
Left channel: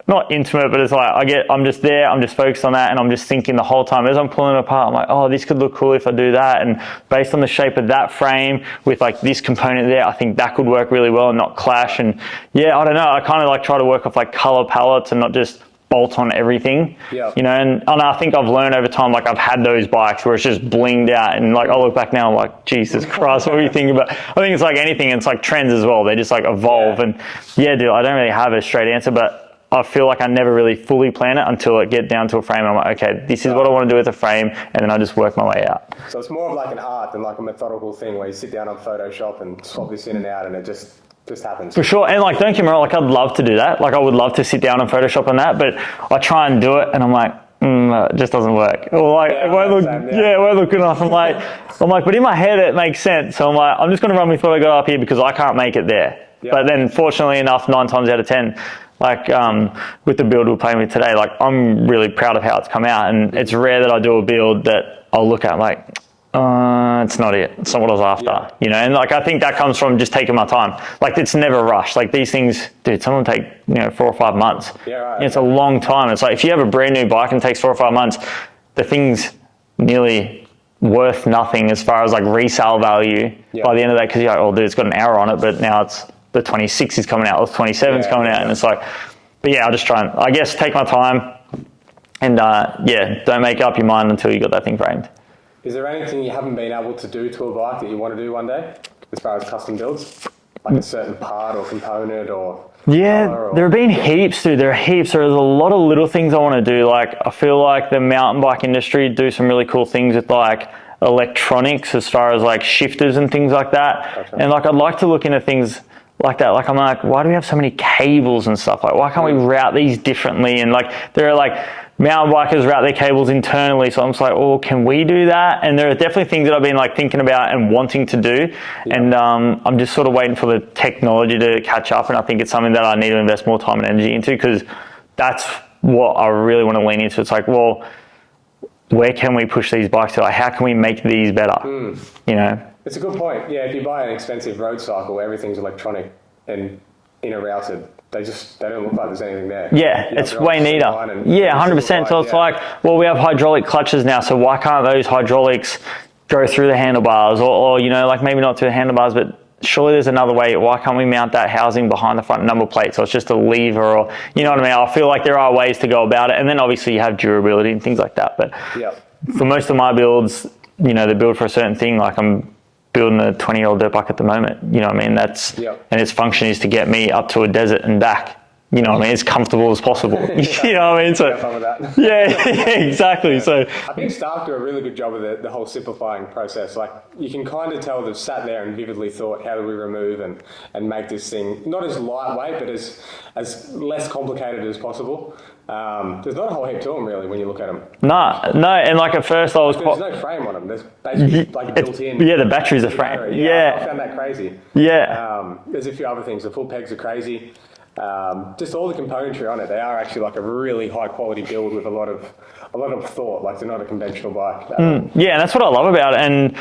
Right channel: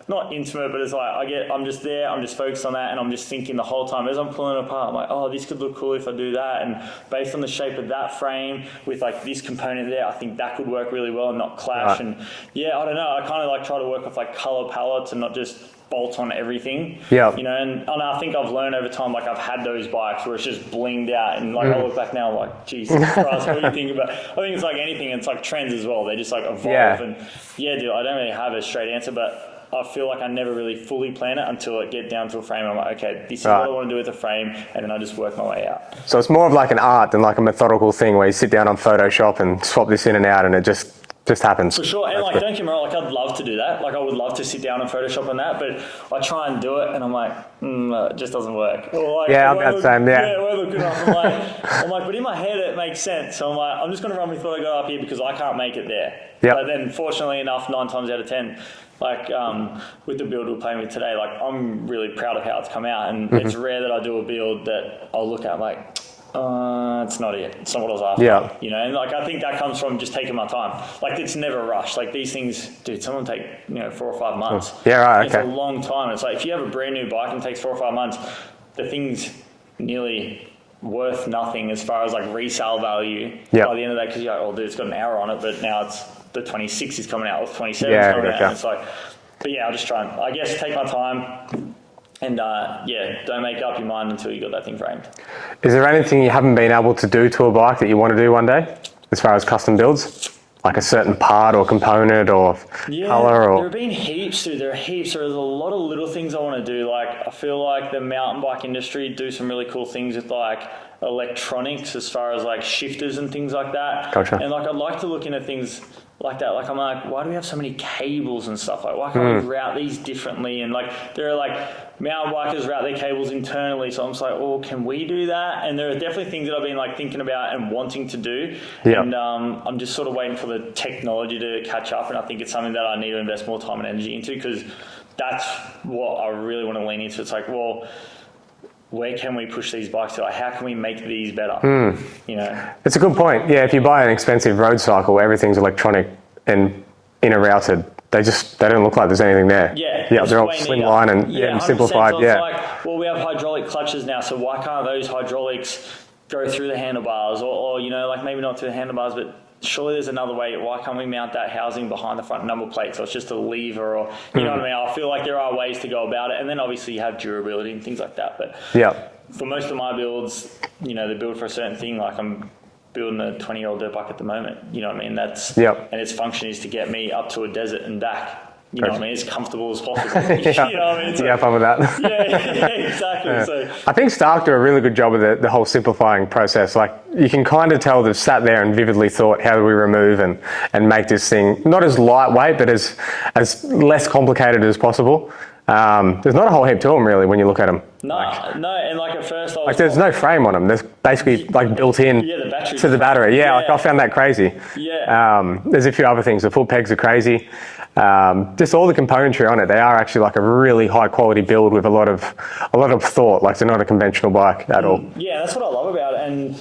not intimate, but it's I'm just there, I'm just focused on that, and I'm just thinking the whole time as I'm pulling it apart, I'm like, oh, this could look cool if I do that, and based on the shape of that frame with this component there, I think that could work really well and not clash. Right. And I don't know, I kind of try to work off color palettes and not just bolt on everything. Yeah. And I think I've learned over time, I've had those bikes where it's just blinged out, and I look back now, I'm like, Jesus Christ, what are you thinking about? I think it's anything, it's trends as well, they just evolve. And dude, I don't really have a straight answer, but I feel I never really fully plan it until I get down to a frame. And I'm like, okay, this is what I want to do with the frame, and then I just work my way out. So it's more of an art than a methodical thing where you sit down on Photoshop and swap this in and out, and it just happens. For sure. And don't get me wrong, I'd love to do that. I would love to sit down on Photoshop on that, but I try and do it and I'm like, it just doesn't work. Or it won't look good enough. I'm like, but in my head it makes sense. So I'm like, I'm just going to run with what I got up here because I can't make it there. Yep. But then fortunately enough, 9 times out of 10, with the build we're playing with today, I'm really proud of how it's come out, and it's rare that I do a build that I'll look at it's not it. It's not what I was after. Yeah. And I think that comes from just taking my time. It's never rushed. These things, dude, some of them take 4 or 5 months. Yeah, right. And it's a long time. It's if you have a brand new bike and it takes 4 or 5 months, the thing's nearly worth nothing as far as like resale value by the end of that, because you're like, oh dude, it's got an hour on it, but now it's the 26 is coming out, or the 27 is coming out, and it's like, but yeah, I'll just try and, I guess, take my time and don't make up your mind until you got that thing framed. Is there anything you haven't been able to do to a bike that you want to do one day as far as custom builds? Like a certain part or component or color? Or... There have been heaps, dude. There are heaps. There's a lot of little things I want to do. Like, I feel like the mountain bike industry do some really cool things with like electronics as far as like shifters and things like that. Gotcha. And like, I'd like to look into things like that. Like, I'm like, why do we have so many cables and stuff? Like, why can't we route these differently? And like, there are like mountain bikers route their cables internally. So I'm just like, oh, can we do that? And there are definitely things that I've been like thinking about and wanting to do. Yep. And I'm just sort of waiting for the technology to catch up. And I think it's something that I need to invest more time and energy into, because that's what I really want to lean into. It's like, well, where can we push these bikes to? Like, how can we make these better? You know, it's a good point. Yeah, if you buy an expensive road cycle, everything's electronic and inner routed. They don't look like there's anything there. Yeah, it's way neater. 100%. So it's like, well, we have hydraulic clutches now, so why can't those hydraulics go through the handlebars, or you know, like maybe not through the handlebars, but surely there's another way. Why can't we mount that housing behind the front number plate so it's just a lever, or you know what I mean? I feel like there are ways to go about it, and then obviously you have durability and things like that. But for most of my builds, you know, they're built for a certain thing. Like, I'm building a 20-year-old dirt bike at the moment, you know what I mean? That's and its function is to get me up to a desert and back, you know what I mean, as comfortable as possible. You know what I mean? So, have fun with that. Exactly. So I think Stark do a really good job of the whole simplifying process. Like, you can kind of tell they've sat there and vividly thought, how do we remove and make this thing not as lightweight, but as less complicated as possible. There's not a whole heap to them really when you look at them. No, and like at first I was... Like, there's no frame on them. There's basically like built in the batteries to the battery. I found that crazy. Yeah. There's a few other things. The foot pegs are crazy. Just all the componentry on it, they are actually like a really high quality build with a lot of thought. Like, they're not a conventional bike at all. Yeah, that's what I love about it. And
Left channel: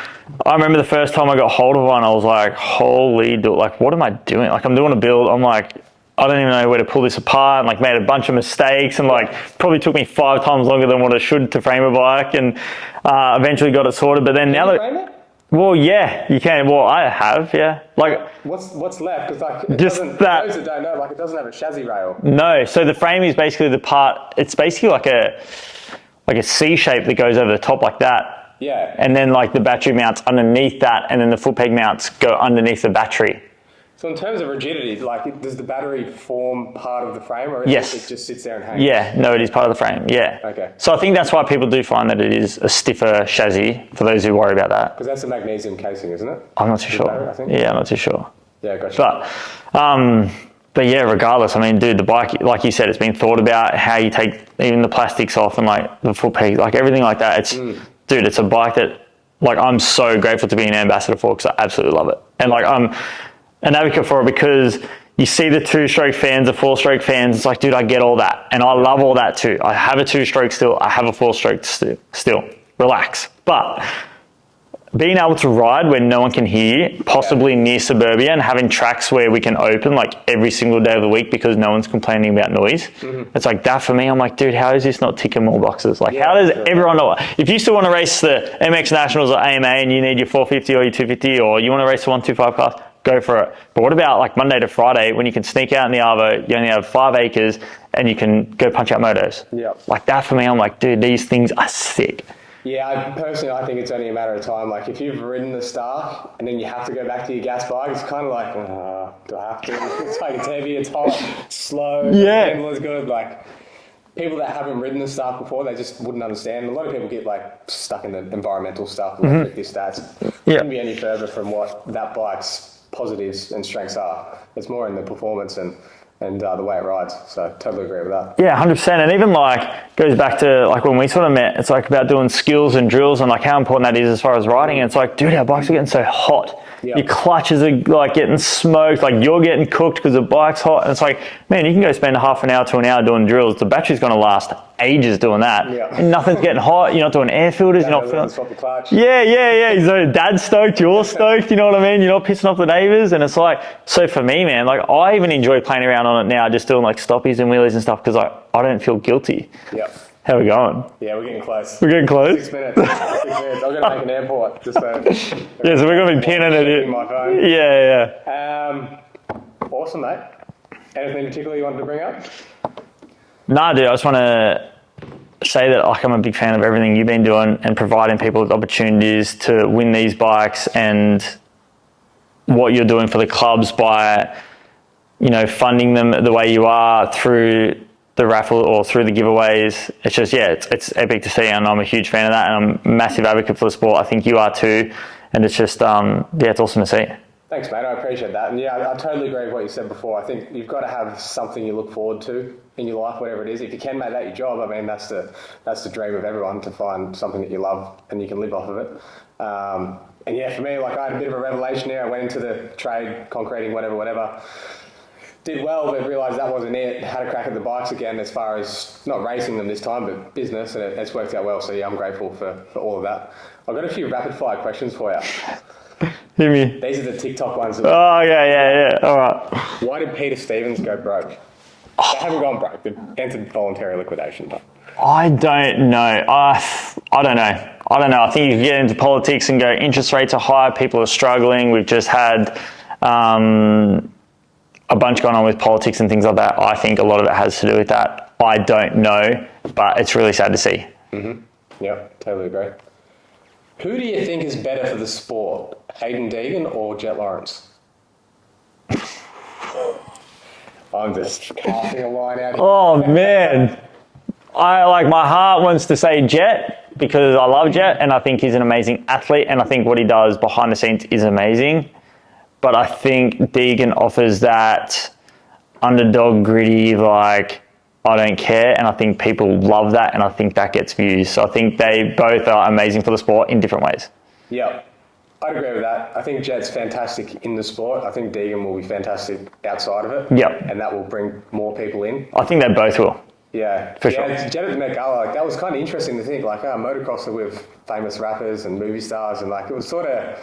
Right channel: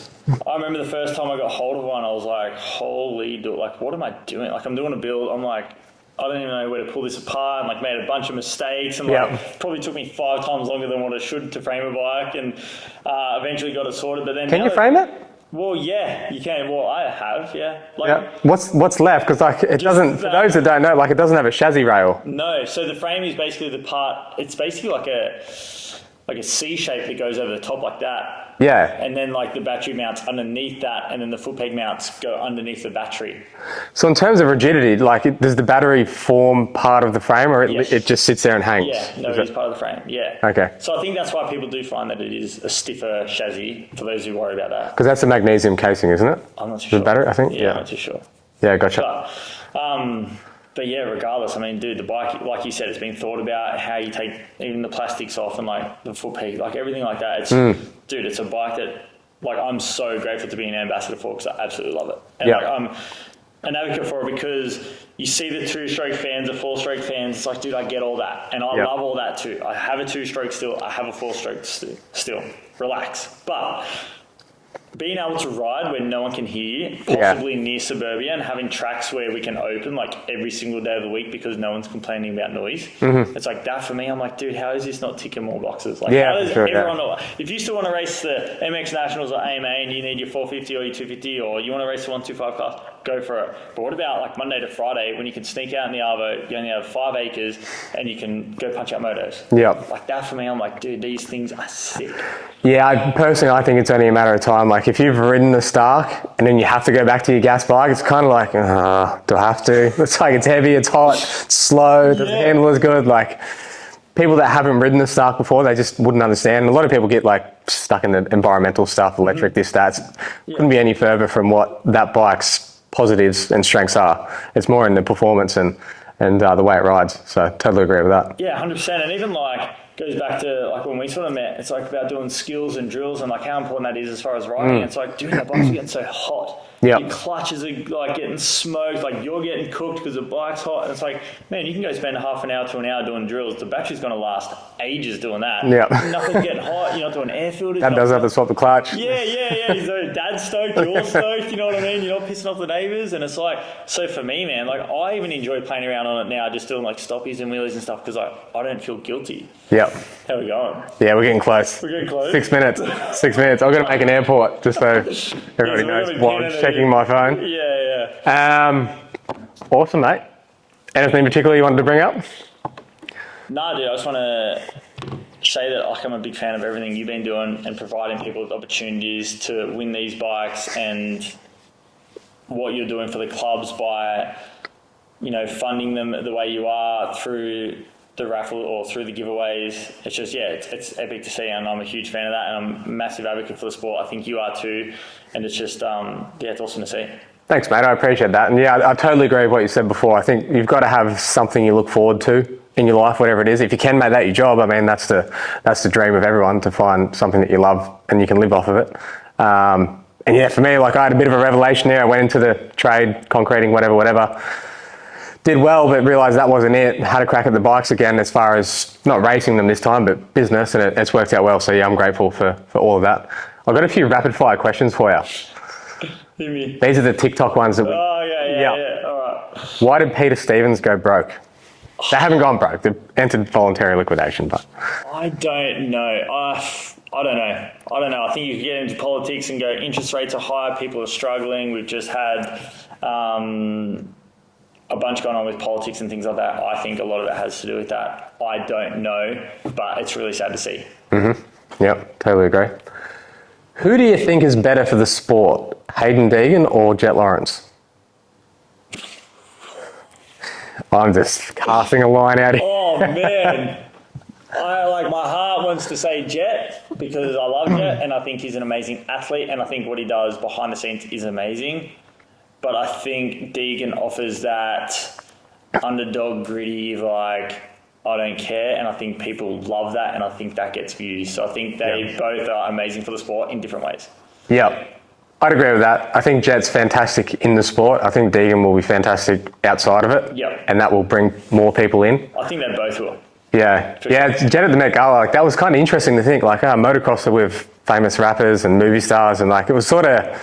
I remember the first time I got hold of one, I was like, holy, like, what am I doing? Like, I'm doing a build, I'm like, I don't even know where to pull this apart, and like made a bunch of mistakes, and like probably took me 5 times longer than what it should to frame a bike, and eventually got it sorted. But then can you frame it? Well, yeah, you can. Well, I have, Like, what's left? Because like it doesn't. For those that don't know, like, it doesn't have a chassis rail. No. So the frame is basically the part. It's basically like a C shape that goes over the top like that. Yeah. And then like the battery mounts underneath that, and then the foot peg mounts go underneath the battery. So in terms of rigidity, like, does the battery form part of the frame, or it just sits there and hangs? Yeah, no, it is part of the frame, Okay. So I think that's why people do find that it is a stiffer chassis, for those who worry about that. Because that's a magnesium casing, isn't it? I'm not too sure. The battery, I think? Yeah, I'm not too sure. Yeah, gotcha. But yeah, regardless, I mean, dude, the bike, like you said, it's been thought about how you take even the plastics off and like the foot peg, like everything like that. It's, dude, it's a bike that, like, I'm so grateful to be an ambassador for, because I absolutely love it. And like, I'm an advocate for it, because you see the 2-stroke fans, the 4-stroke fans, it's like, dude, I get all that. And I love all that too. I have a 2-stroke still, I have a 4-stroke still. Relax. But being able to ride where no one can hear you, possibly near suburbia, and having tracks where we can open like every single day of the week because no one's complaining about noise. It's like that for me. I'm like, dude, how is this not ticking more boxes? Like, how does everyone know? If you still want to race the MX Nationals or AMA and you need your 450 or your 250, or you want to race the 125 class, go for it. But what about like Monday to Friday when you can sneak out in the Arvo, you only have 5 acres and you can go punch out motos? Like that for me, I'm like, dude, these things are sick. Yeah, I think it's only a matter of time. Like, if you've ridden the Stark and then you have to go back to your gas bike, it's kind of like, do I have to? It's like, it's heavy, it's hot, it's slow, the handle is good. Like, people that haven't ridden the Stark before, they just wouldn't understand. A lot of people get like stuck in the environmental stuff, electric, this, that. It couldn't be any further from what that bike's positives and strengths are. It's more in the performance and the way it rides. So totally agree with that. Yeah, 100%. And even like goes back to like when we sort of met, it's like about doing skills and drills and like how important that is as far as riding. And it's like, dude, our bikes are getting so hot. Your clutches are like getting smoked, like you're getting cooked because the bike's hot. And it's like, man, you can go spend half an hour to an hour doing drills. The battery's going to last ages doing that. Nothing's getting hot. You're not doing air filters. Dad doesn't have to swap the clutch. So dad's stoked, you're stoked, you know what I mean? You're not pissing off the neighbors. And it's like, so for me, man, like I even enjoy playing around on it now, just doing like stoppies and wheelies and stuff, because I don't feel guilty. How we going? Yeah, we're getting close. We're getting close. 6 minutes. 6 minutes. I've got to make an airport just so. Yeah, so we're going to be pinning it. Checking my phone. Yeah. Awesome, mate. Anything in particular you wanted to bring up? Nah, dude, I just want to say that like I'm a big fan of everything you've been doing and providing people with opportunities to win these bikes, and what you're doing for the clubs by, funding them the way you are through the raffle or through the giveaways. It's just, it's epic to see, and I'm a huge fan of that, and I'm a massive advocate for the sport. I think you are too, and it's just, it's awesome to see. Thanks, mate. I appreciate that. And yeah, I totally agree with what you said before. I think you've got to have something you look forward to in your life, whatever it is. If you can make that your job, I mean, that's the dream of everyone, to find something that you love and you can live off of it. And yeah, for me, like I had a bit of a revelation there. I went into the trade, concreting, whatever. Did well, but realised that wasn't it. Had a crack at the bikes again, as far as not racing them this time, but business, and it's worked out well. So yeah, I'm grateful for all of that. I've got a few rapid fire questions for you. Hear me. These are the TikTok ones. Yeah. All right. Why did Peter Stevens go broke? They haven't gone broke. They've entered voluntary liquidation, but I don't know. I don't know. I think you can get into politics and go, interest rates are high, people are struggling. We've just had a bunch going on with politics and things like that. I think a lot of it has to do with that. I don't know, but it's really sad to see. Mm-hmm. Yep, totally agree. Who do you think is better for the sport, Hayden Deegan or Jet Lawrence? I'm just casting a line out here. Oh, man. My heart wants to say Jet because I love Jet and I think he's an amazing athlete, and I think what he does behind the scenes is amazing. But I think Deegan offers that underdog, gritty, I don't care, and I think people love that, and I think that gets views. So I think they both are amazing for the sport in different ways. Yep. I'd agree with that. I think Jet's fantastic in the sport. I think Deegan will be fantastic outside of it. Yep. And that will bring more people in. I think they both will. Yeah. Sure. Jet at the Met Gala, that was kind of interesting to think, motocrosser with famous rappers and movie stars, and it was sort of,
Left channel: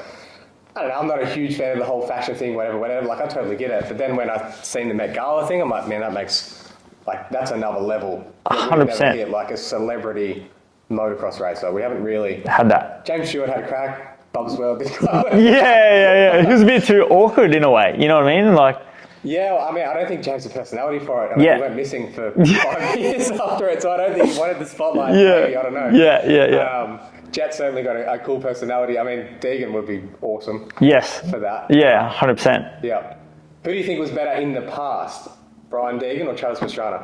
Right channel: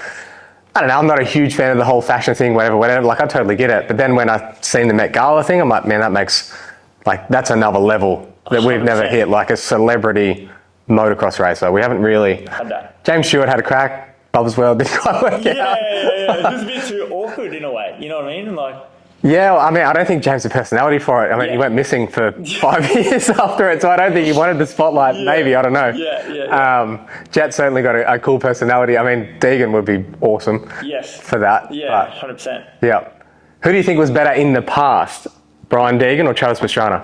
I don't know, I'm not a huge fan of the whole fashion thing, whatever. I totally get it. But then when I seen the Met Gala thing, I'm like, man, that makes, that's another level that we've 100%. never hit, a celebrity motocross racer. We haven't really Had that. James Stewart had a crack. Bubs well didn't quite work out. Yeah. He was a bit too awkward in a way. You know what I mean? Yeah, I don't think James had personality for it. He went missing for 5 years after it, so I don't think he wanted the spotlight. Yeah. Maybe, I don't know. Yeah. Jet certainly got a cool personality. Deegan would be awesome. Yes. For that. Yeah, 100%. Yeah. Who do you think was better in the past, Brian Deegan or Travis Pastrana?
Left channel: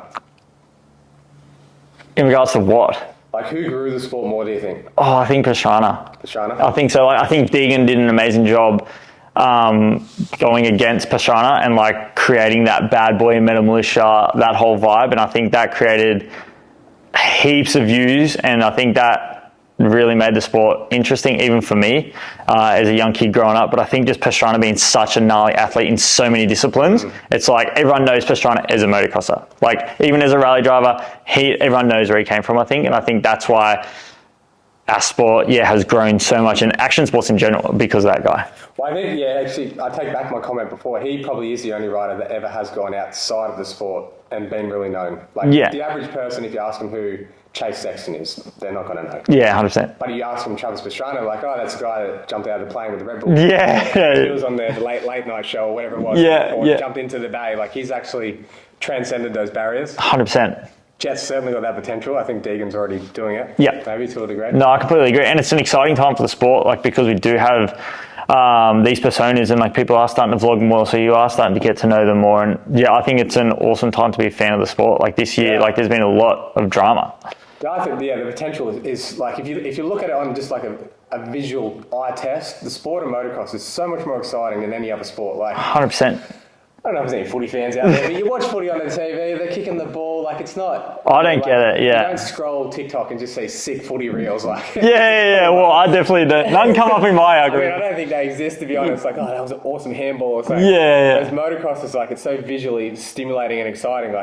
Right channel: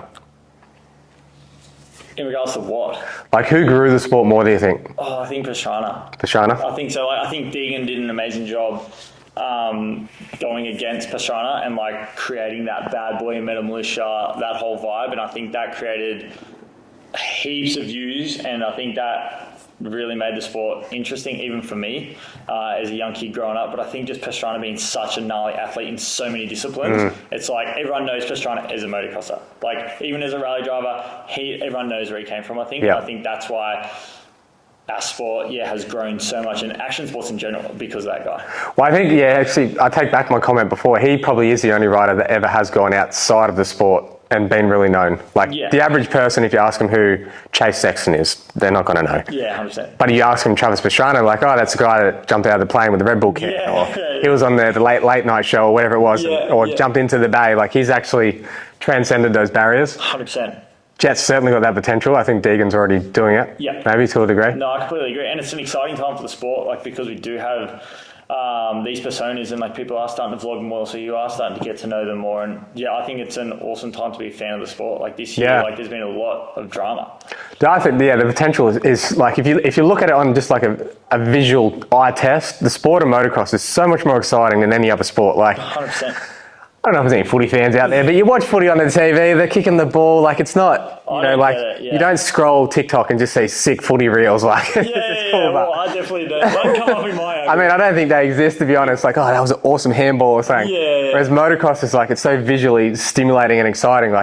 In regards to what? Who grew the sport more, do you think? Oh, I think Pastrana. Pastrana? I think so. I think Deegan did an amazing job going against Pastrana and creating that bad boy Meta Militia, that whole vibe. And I think that created heaps of views, and I think that really made the sport interesting, even for me as a young kid growing up. But I think just Pastrana being such a gnarly athlete in so many disciplines, it's everyone knows Pastrana as a motocrosser. Even as a rally driver, everyone knows where he came from, I think. Yeah. And I think that's why our sport, has grown so much, and action sports in general, because of that guy. Well, I think, actually, I take back my comment before. He probably is the only rider that ever has gone outside of the sport and been really known. The average person, if you ask them who Chase Sexton is, they're not going to know. Yeah, 100%. But you ask them Travis Pastrana, that's the guy that jumped out of the plane with the Red Bull kit. Yeah. He was on the late night show or whatever it was, jumped into the bay. He's actually transcended those barriers. 100%. Jet's certainly got that potential. I think Deegan's already doing it. Yeah. Maybe to a degree. No, I completely agree. And it's an exciting time for the sport, because we do have these personas, and people are starting to vlog more, so you are starting to get to know them more. And I think it's an awesome time to be a fan of the sport. This year, there's been a lot of drama. I think, the potential is if you look at it on just a visual eye test, the sport of motocross is so much more exciting than any other sport. 100%. I don't know if there's any footy fans out there, but you watch footy on the TV, they're kicking the ball, it's not... I don't get it, You don't scroll TikTok and just see sick footy reels, Yeah, well, I definitely don't. Doesn't come up in my algorithm. I don't think they exist, to be honest. That was an awesome handball or something. Yeah. Whereas motocross is it's so visually stimulating and exciting.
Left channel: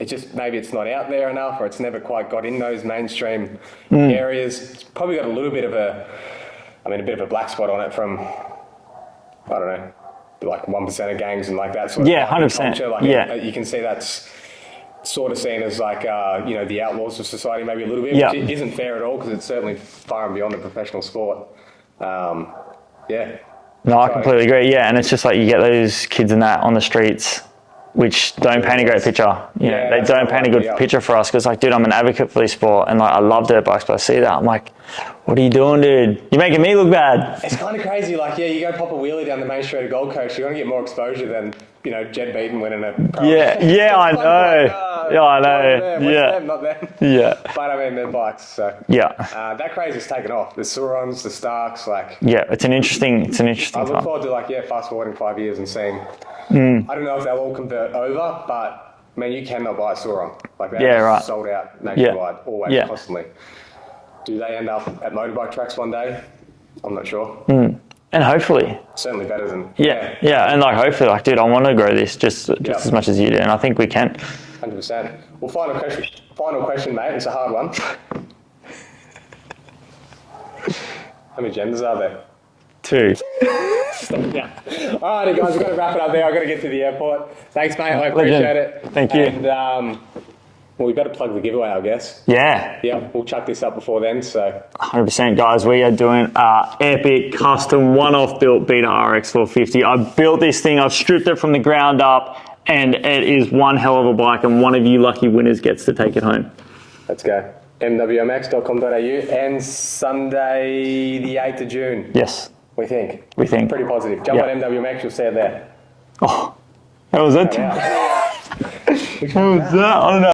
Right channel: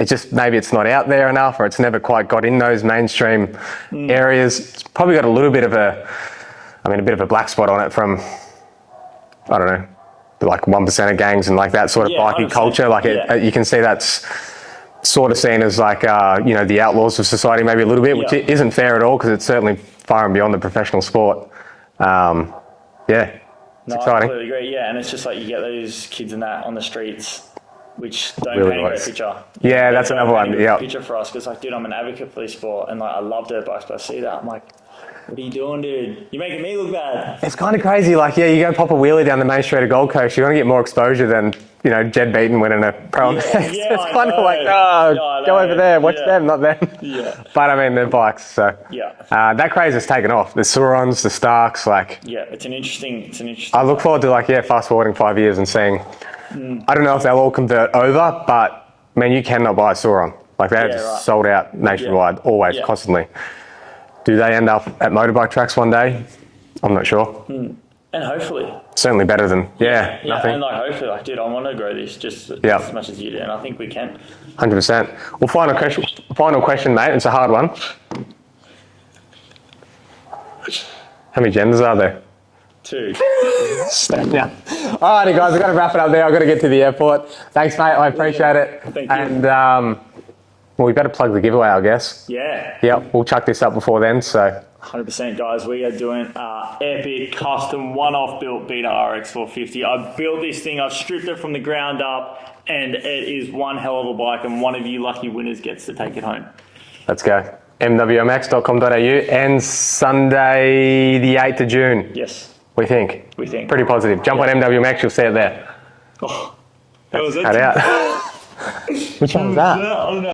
It's just, maybe it's not out there enough, or it's never quite got in those mainstream areas. It's probably got a little bit of a bit of a black spot on it from, I don't know, 1% of gangs and that sort of biking 100%. culture. You can see that's sort of seen as like, you know, the outlaws of society maybe a little bit, which isn't fair at all because it's certainly far and beyond the professional sport. Yeah. No, I completely agree. Yeah, and it's just like you get those kids and that on the streets, which don't paint a great picture. Yeah, they don't paint a good picture for us because, like, dude, I'm an advocate for this sport, and like I love dirt bikes, but I see that I'm like, what are you doing, dude? You're making me look bad. It's kind of crazy. Like, yeah, you go pop a wheelie down the main street of Gold Coast, you're going to get more exposure than, you know, Jed Beaton winning a pro. Yeah, I know. Like, oh, yeah, I know. Go over there, watch them, not them. Yeah. But I mean, they're bikes, so. Yeah. That craze has taken off. The Surons, the Starks, like. Yeah, it's an interesting I look forward to, like, fast forwarding 5 years and seeing. I don't know if they'll all convert over, but, man, you cannot buy a Suron. Like, they're just sold out nationwide, always, constantly. Do they end up at motorbike tracks one day? I'm not sure. And hopefully. Certainly better than, and like hopefully, like, dude, I want to grow this just as much as you do, and I think we can. 100%. Well, final question, mate. It's a hard one. How many genders are there? 2. Yeah. All righty, guys, I've got to wrap it up there. I've got to get to the airport. Thanks, mate. I appreciate it. Thank you. And, well, we better plug the giveaway, I guess. Yeah. Yep, we'll chuck this up before then, so. 100%, guys. We are doing epic custom one-off built Beta RX 450. I built this thing. I've stripped it from the ground up, and it is one hell of a bike, and one of you lucky winners gets to take it home. Let's go. mwmx.com.au and Sunday the 8th of June. Yes. We think. Pretty positive. Jump on MWMX, you'll see it there. Oh, that was it. Cut out. Which one was that? I don't know.